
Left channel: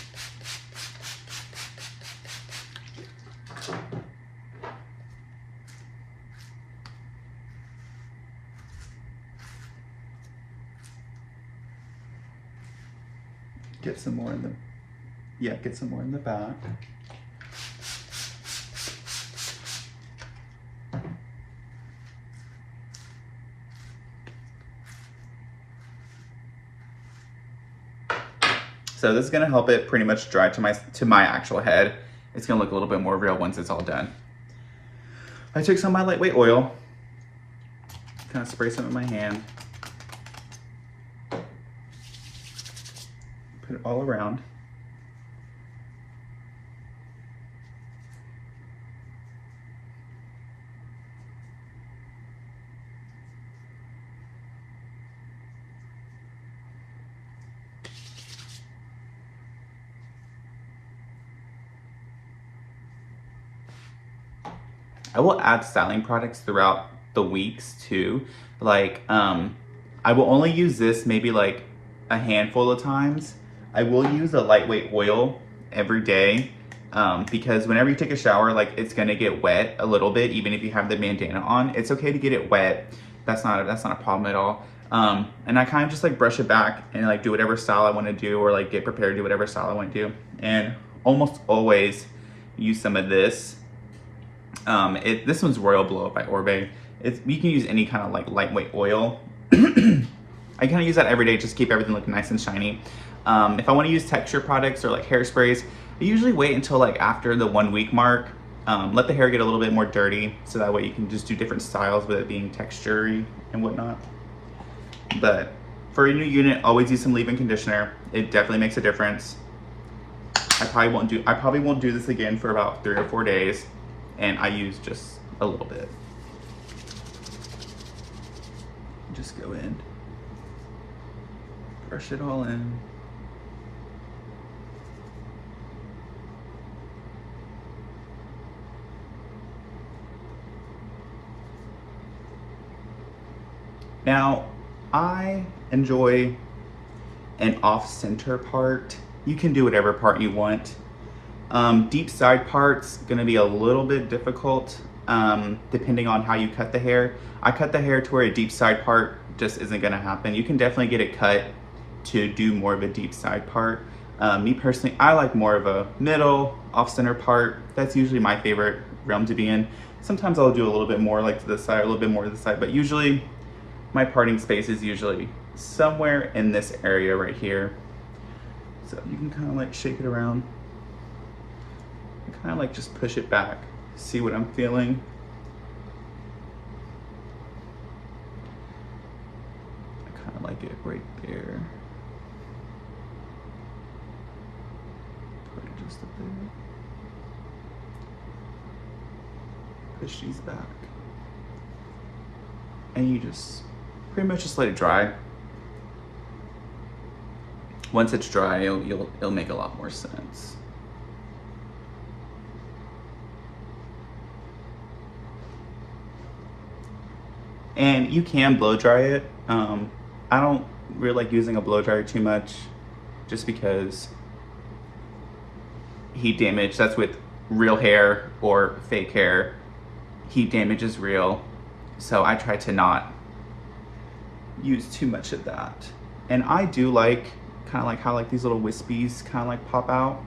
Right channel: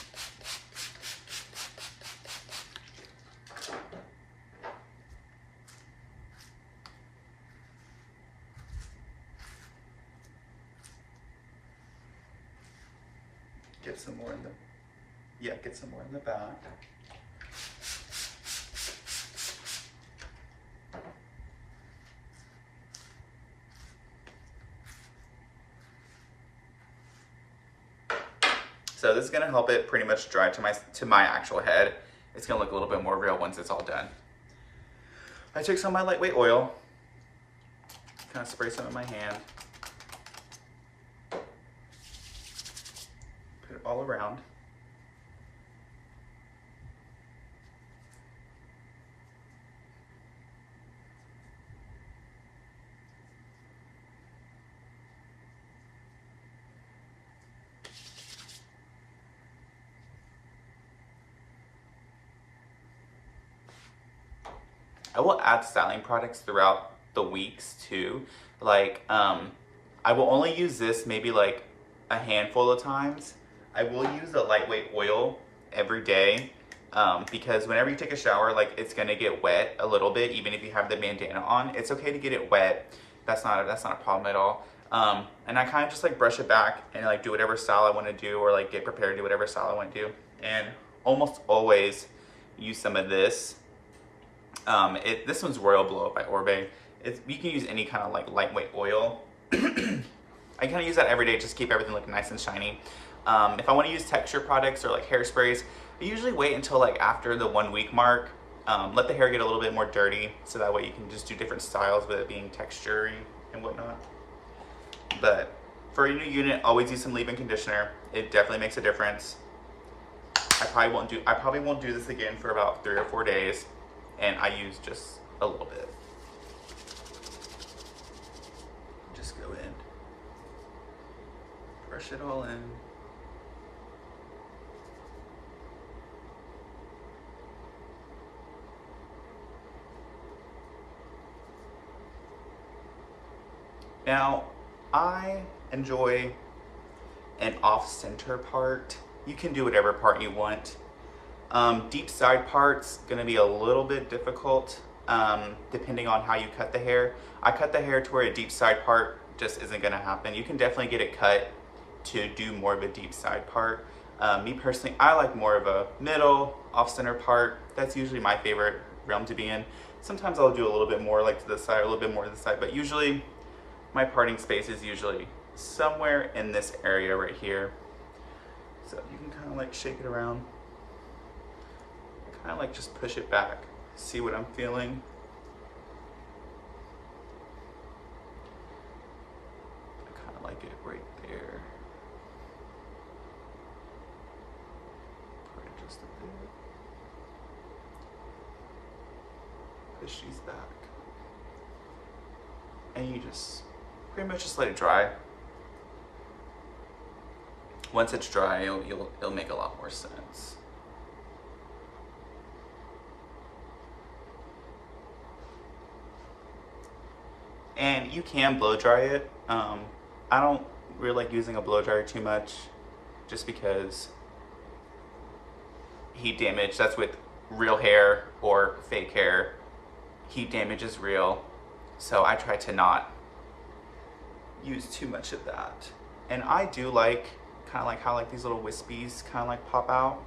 Get some more in the, get some more in the back. So this is gonna help it pretty much dry to my actual head. It's gonna look a little bit more real once it's all done. I took some of my lightweight oil, kind of spray some in my hand. Put it all around. I will add styling products throughout the weeks too. Like, I will only use this maybe like a handful of times. I will use a lightweight oil every day because whenever you take a shower, like it's gonna get wet a little bit, even if you have the bandana on. It's okay to get it wet. That's not a problem at all. And I kind of just like brush it back and like do whatever style I want to do, or like get prepared to do whatever style I want to do. And almost always use some of this. This one's Royal Blow Up by Orbe. You can use any kind of like lightweight oil. I kind of use that every day just to keep everything looking nice and shiny. If I want to use texture products or like hairsprays, I usually wait until like after the 1 week mark. Let the hair get a little bit more dirty, so that way you can just do different styles with it being texture-y and whatnot. But for a new unit, always use some leave-in conditioner. It definitely makes a difference. I probably won't do this again for about 3 or 4 days, and I use just a little bit. Just go in, brush it all in. Now, I enjoy an off-center part. You can do whatever part you want. Deep side part's gonna be a little bit difficult depending on how you cut the hair. I cut the hair to where a deep side part just isn't gonna happen. You can definitely get it cut to do more of a deep side part. Me personally, I like more of a middle, off-center part. That's usually my favorite realm to be in. Sometimes I'll do a little bit more like to the side, a little bit more to the side, but usually my parting space is usually somewhere in this area right here. So you can kind of like shake it around. I kind of like just push it back, see what I'm feeling. I kind of like it right there. Part it just a bit. Push these back. And you just pretty much just let it dry. Once it's dry, it'll make a lot more sense. And you can blow dry it. I don't really like using a blow dryer too much, just because heat damage, that's with real hair or fake hair. Heat damage is real. So I try to not use too much of that. And I do like kind of like how like these little wispies kind of like pop out,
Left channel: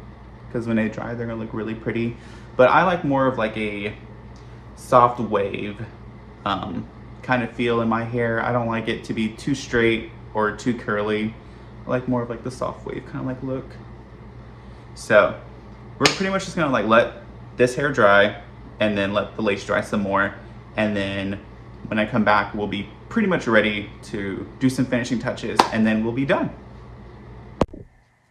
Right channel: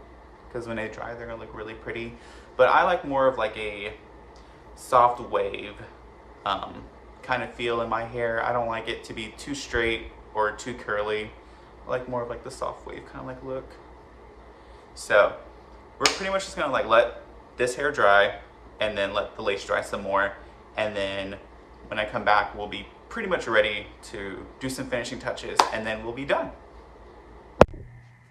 because when they dry they're gonna look really pretty. but I like more of like a soft wave kind of feel in my hair. I don't like it to be too straight or too curly. I like more of like the soft wave kind of like look. So we're pretty much just gonna like let this hair dry and then let the lace dry some more. And then when I come back, we'll be pretty much ready to do some finishing touches and then we'll be done.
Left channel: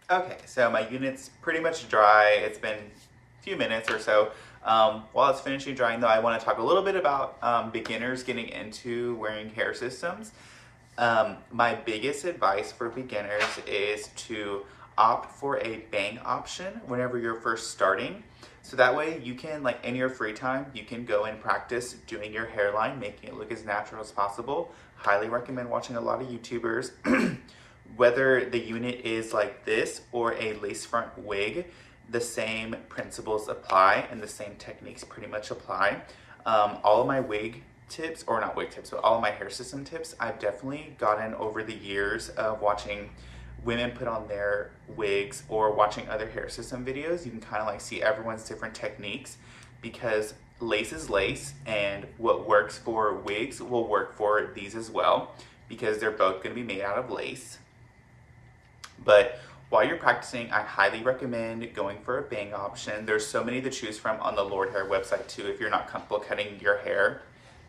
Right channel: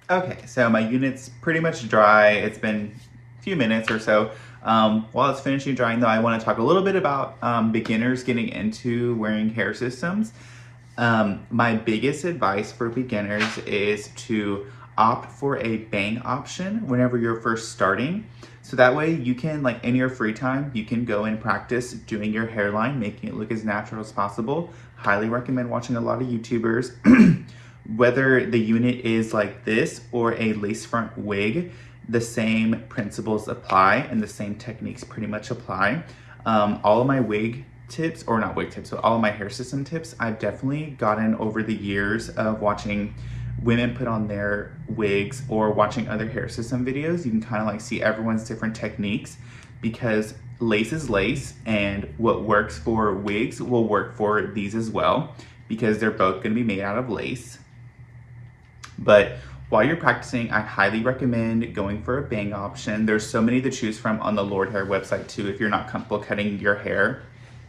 Okay, so my unit's pretty much dry. It's been a few minutes or so. While it's finishing drying though, I wanna talk a little bit about beginners getting into wearing hair systems. My biggest advice for beginners is to opt for a bang option whenever you're first starting. So that way you can, like in your free time, you can go and practice doing your hairline, making it look as natural as possible. Highly recommend watching a lot of YouTubers. Whether the unit is like this or a lace front wig, the same principles apply and the same techniques pretty much apply. All of my wig tips, or not wig tips, but all of my hair system tips, I've definitely gotten over the years of watching women put on their wigs or watching other hair system videos. You can kind of like see everyone's different techniques, because lace is lace, and what works for wigs will work for these as well, because they're both going to be made out of lace. But while you're practicing, I highly recommend going for a bang option. There's so many to choose from on the Lordhair website too, if you're not comfortable cutting your hair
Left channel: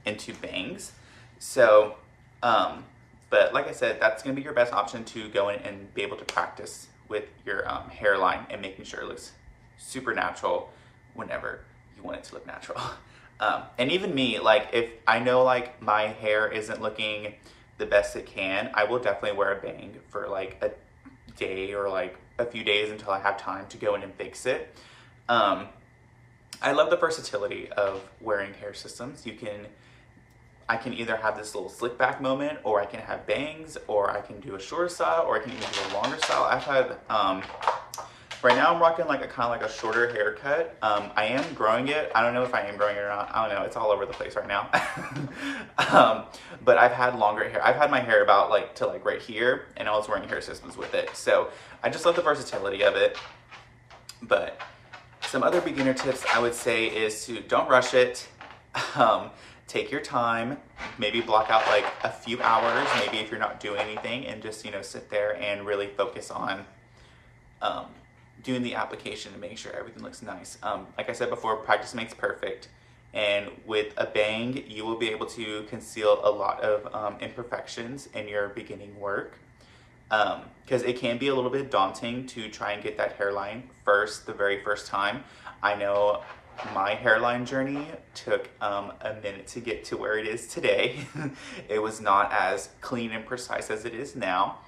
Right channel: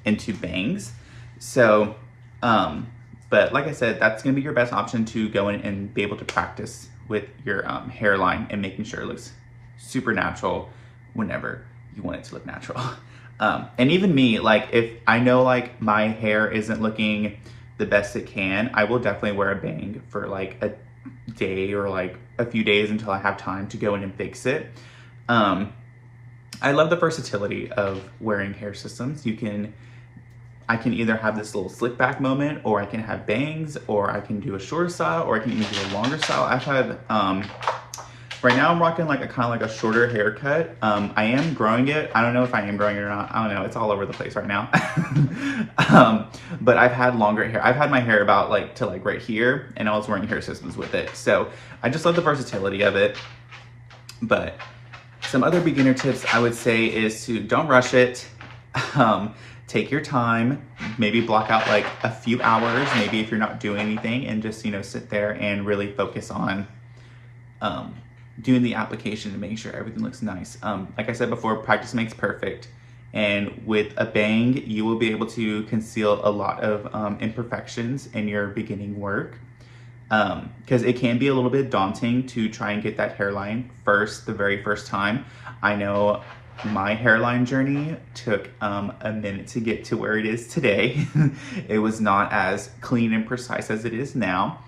into bangs. So, but like I said, that's gonna be your best option to go in and be able to practice with your hairline and making sure it looks super natural whenever you want it to look natural. And even me, like if I know like my hair isn't looking the best it can, I will definitely wear a bang for like a day or like a few days until I have time to go in and fix it. I love the versatility of wearing hair systems. I can either have this little slick back moment, or I can have bangs, or I can do a shorter style, or I can even do a longer style. I've had, right now I'm rocking like a kind of like a shorter haircut. I am growing it. I don't know if I am growing it or not. I don't know. It's all over the place right now. But I've had longer hair. I've had my hair about like to like right here, and I was wearing hair systems with it. So I just love the versatility of it. But some other beginner tips I would say is to don't rush it. Take your time, maybe block out like a few hours, maybe if you're not doing anything, and just, you know, sit there and really focus on doing the application to make sure everything looks nice. Like I said before, practice makes perfect. And with a bang, you will be able to conceal a lot of imperfections in your beginning work. Because it can be a little bit daunting to try and get that hairline the very first time. I know my hairline journey took a minute to get to where it is today. It was not as clean and precise as it is now.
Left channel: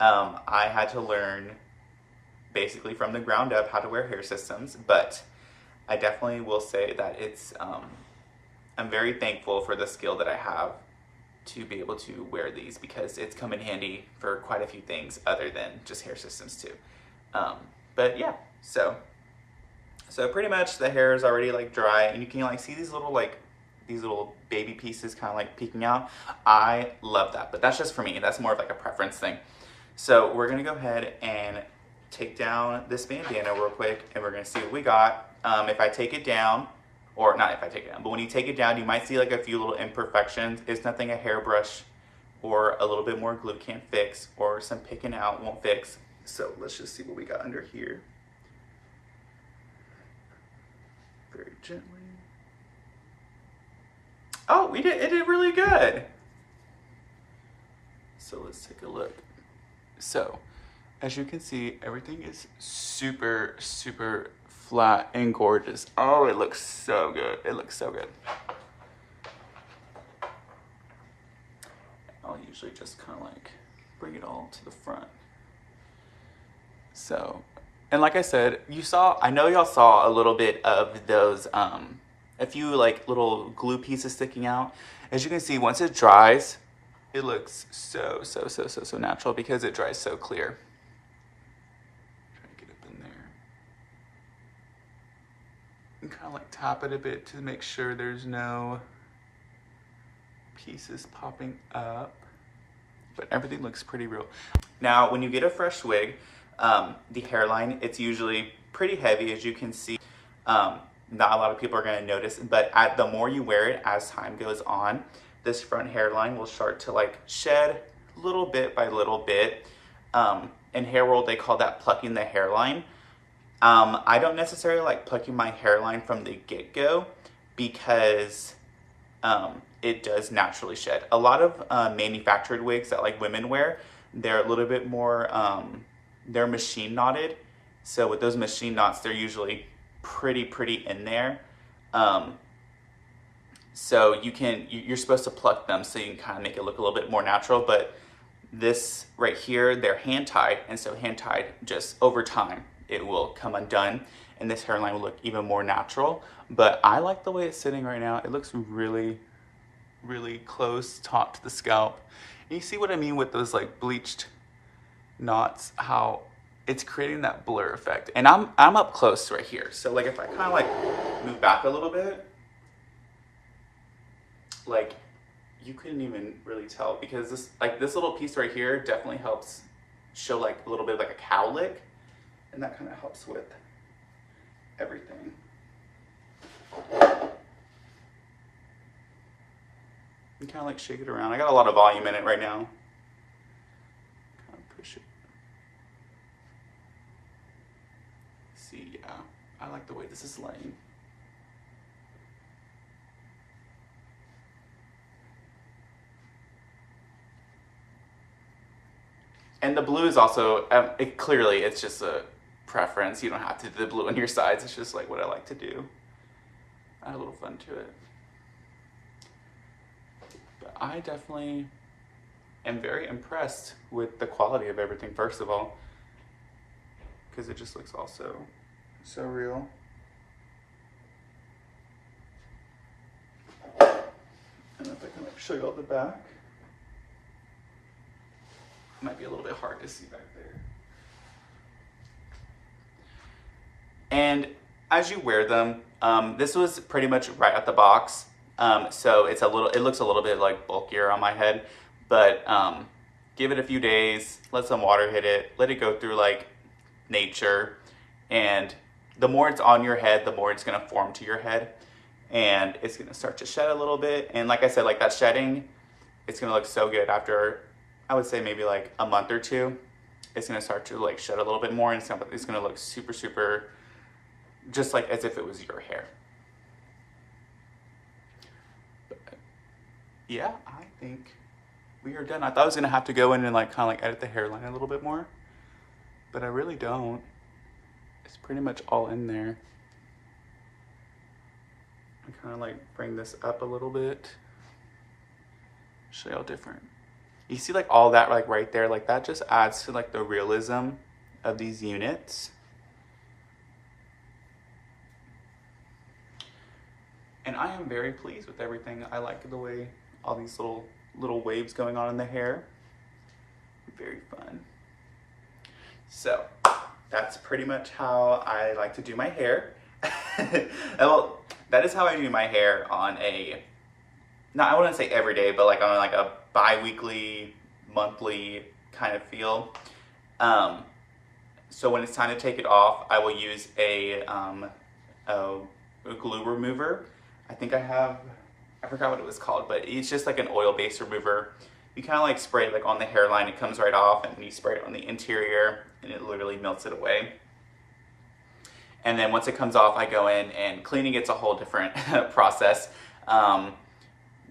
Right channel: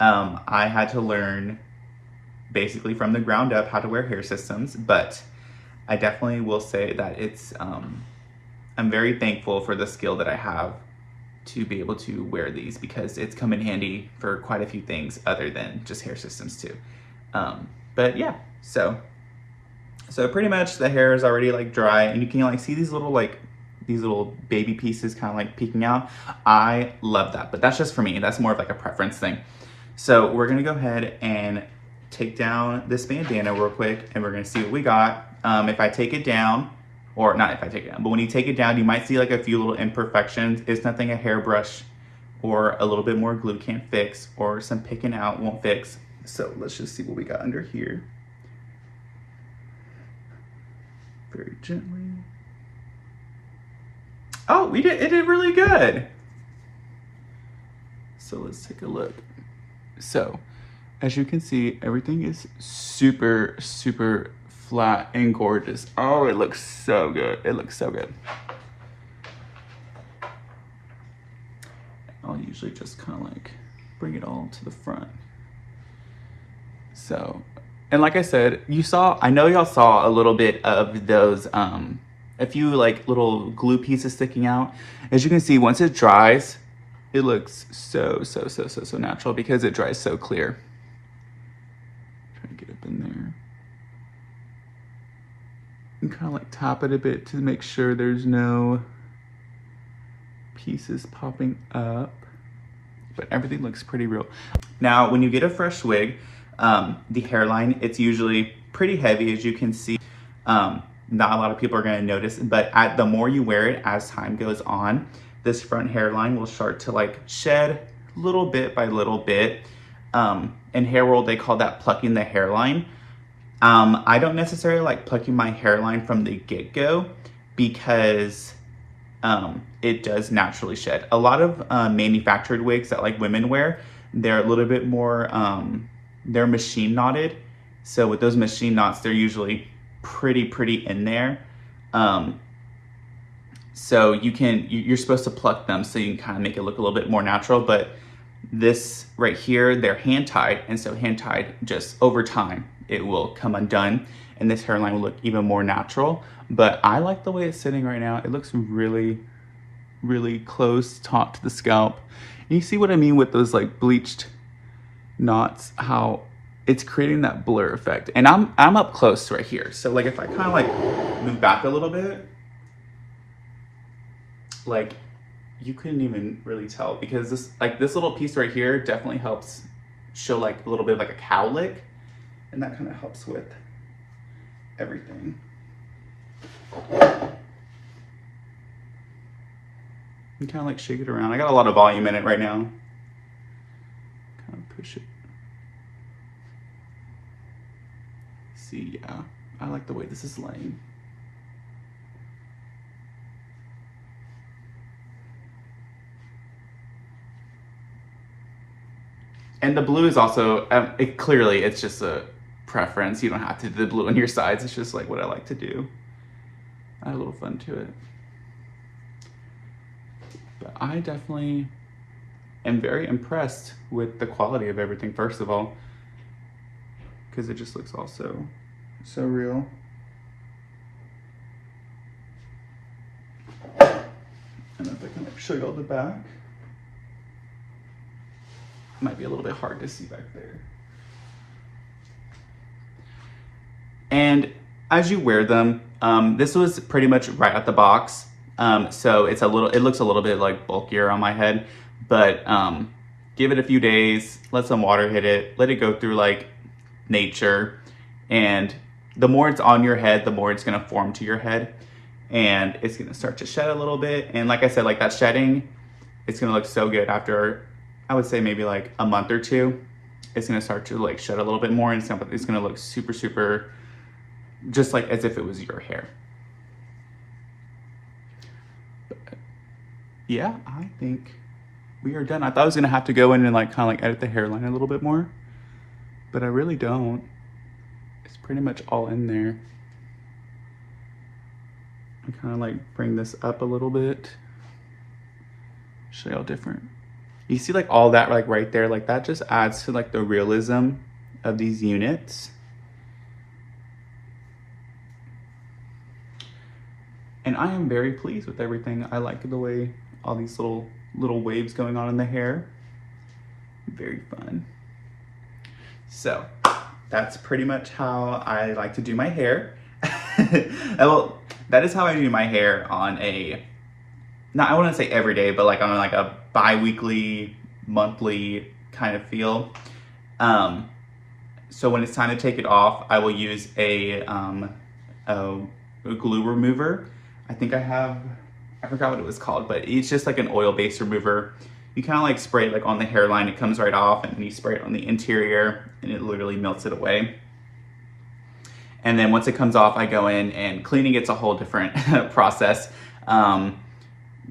I had to learn basically from the ground up how to wear hair systems, but I definitely will say that it's, I'm very thankful for the skill that I have to be able to wear these, because it's come in handy for quite a few things other than just hair systems too. But yeah, so pretty much the hair is already like dry, and you can like see these little baby pieces kind of like peeking out. I love that, but that's just for me. That's more of like a preference thing. So we're gonna go ahead and take down this bandana real quick, and we're gonna see what we got. If I take it down, or not if I take it down, but when you take it down, you might see like a few little imperfections. It's nothing a hairbrush or a little bit more glue can't fix, or some picking out won't fix. So let's just see what we got under here. Very gently. Oh, it did really good. So let's take a look. So as you can see, everything is super, super flat and gorgeous. Oh, it looks so good. It looks so good. I'll usually just kind of like bring it all to the front. So, and like I said, I know y'all saw a little bit of those, a few like little glue pieces sticking out. As you can see, once it dries, it looks so natural because it dries so clear. Try to get up in there. And kind of like tap it a bit to make sure there's no pieces popping up. But everything looks pretty real. Now, when you get a fresh wig, the hairline, it's usually pretty heavy, as you can see. not a lot of people are going to notice, but the more you wear it as time goes on, this front hairline will start to like shed little bit by little bit. In hair world, they call that plucking the hairline. I don't necessarily like plucking my hairline from the get-go because it does naturally shed. A lot of manufactured wigs that like women wear, they're a little bit more, they're machine knotted. So with those machine knots, they're usually pretty in there. So you're supposed to pluck them so you can kind of make it look a little bit more natural, but this right here, they're hand tied. And so hand tied, just over time, it will come undone and this hairline will look even more natural. But I like the way it's sitting right now. It looks really close, taut to the scalp. And you see what I mean with those like bleached knots, how it's creating that blur effect. And I'm up close right here. So like if I kind of like move back a little bit, like you couldn't even really tell because this little piece right here definitely helps show like a little bit of like a cowlick, and that kind of helps with everything. And kind of like shake it around. I got a lot of volume in it right now. Kind of push it. See, yeah, I like the way this is laying. And the blue is also, clearly it's just a preference. You don't have to do the blue on your sides. It's just like what I like to do. I have a little fun to it. But I definitely am very impressed with the quality of everything, first of all, because it just looks all so real. And if I can like show you all the back. Might be a little bit hard to see back there. And as you wear them, this was pretty much right out the box. So it looks a little bit like bulkier on my head, but give it a few days, let some water hit it, let it go through like nature. And the more it's on your head, the more it's gonna form to your head and it's gonna start to shed a little bit. And like I said, like that shedding, it's gonna look so good after, I would say maybe like a month or two. It's gonna start to like shed a little bit more and it's gonna look super, just like as if it was your hair. But yeah, I think we are done. I thought I was gonna have to go in and like kind of like edit the hairline a little bit more, but I really don't. It's pretty much all in there. I kind of like bring this up a little bit. Show you how different. You see like all that like right there, like that just adds to like the realism of these units. And I am very pleased with everything. I like the way all these little waves going on in the hair. Very fun. So that's pretty much how I like to do my hair. Well, that is how I do my hair on a, not, I wouldn't say every day, but like on like a bi-weekly, monthly kind of feel. So when it's time to take it off, I will use a glue remover. I think I forgot what it was called, but it's just like an oil-based remover. You kind of like spray it like on the hairline, it comes right off, and then you spray it on the interior and it literally melts it away. And then once it comes off, I go in and cleaning it's a whole different process.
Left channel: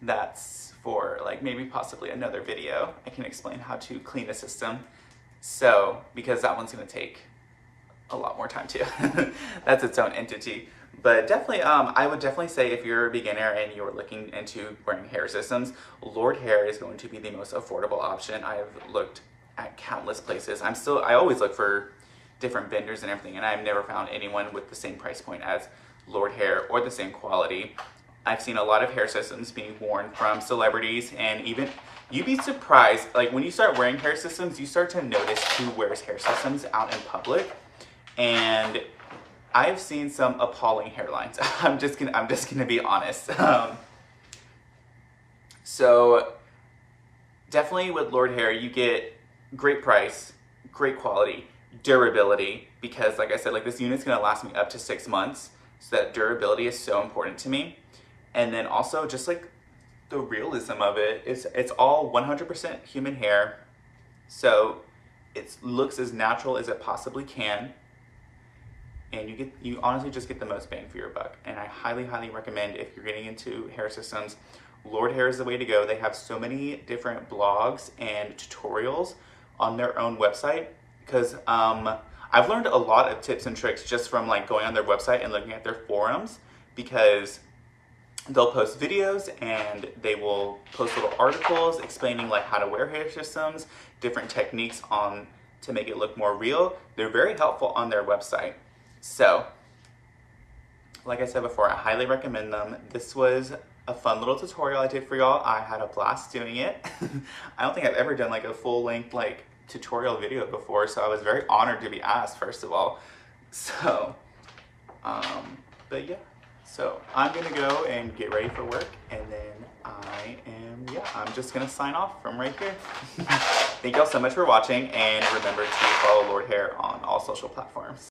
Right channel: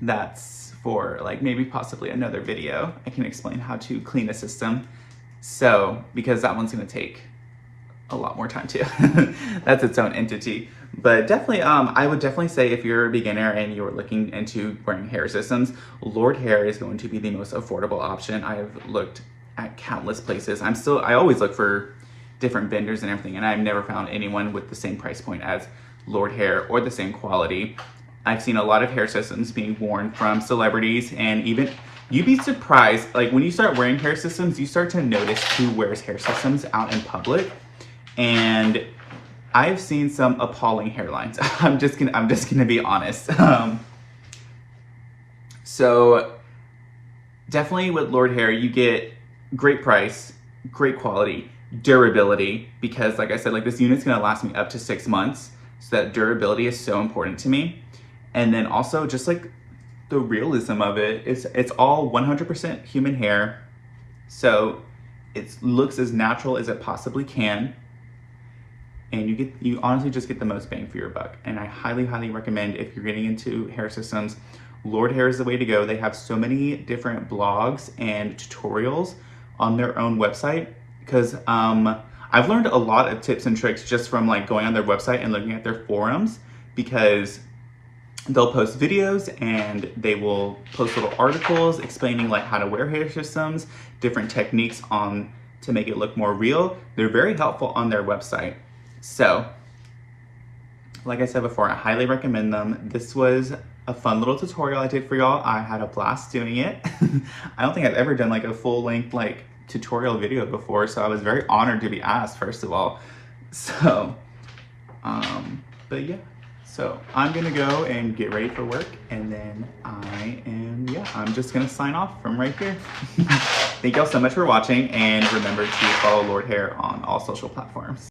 That's for like maybe possibly another video. I can explain how to clean a system. So, because that one's gonna take a lot more time too. That's its own entity. But definitely, I would definitely say if you're a beginner and you're looking into wearing hair systems, Lordhair is going to be the most affordable option. I have looked at countless places. I always look for different vendors and everything, and I've never found anyone with the same price point as Lordhair or the same quality. I've seen a lot of hair systems being worn from celebrities, and even you'd be surprised, like when you start wearing hair systems, you start to notice who wears hair systems out in public. And I've seen some appalling hairlines. I'm just gonna be honest. So definitely with Lordhair, you get great price, great quality, durability, because like I said, like this unit's gonna last me up to 6 months. So that durability is so important to me. And then also just like the realism of it, it's all 100% human hair. So it looks as natural as it possibly can. And you honestly just get the most bang for your buck. And I highly, highly recommend, if you're getting into hair systems, Lordhair is the way to go. They have so many different blogs and tutorials on their own website, because I've learned a lot of tips and tricks just from like going on their website and looking at their forums, because they'll post videos and they will post little articles explaining like how to wear hair systems, different techniques to make it look more real. They're very helpful on their website. So, like I said before, I highly recommend them. This was a fun little tutorial I did for y'all. I had a blast doing it. I don't think I've ever done like a full-length like tutorial video before, so I was very honored to be asked, first of all. So, but yeah. So I'm gonna go and get ready for work, and then I'm just gonna sign off from right here. Thank y'all so much for watching, and remember to follow Lordhair on all social platforms.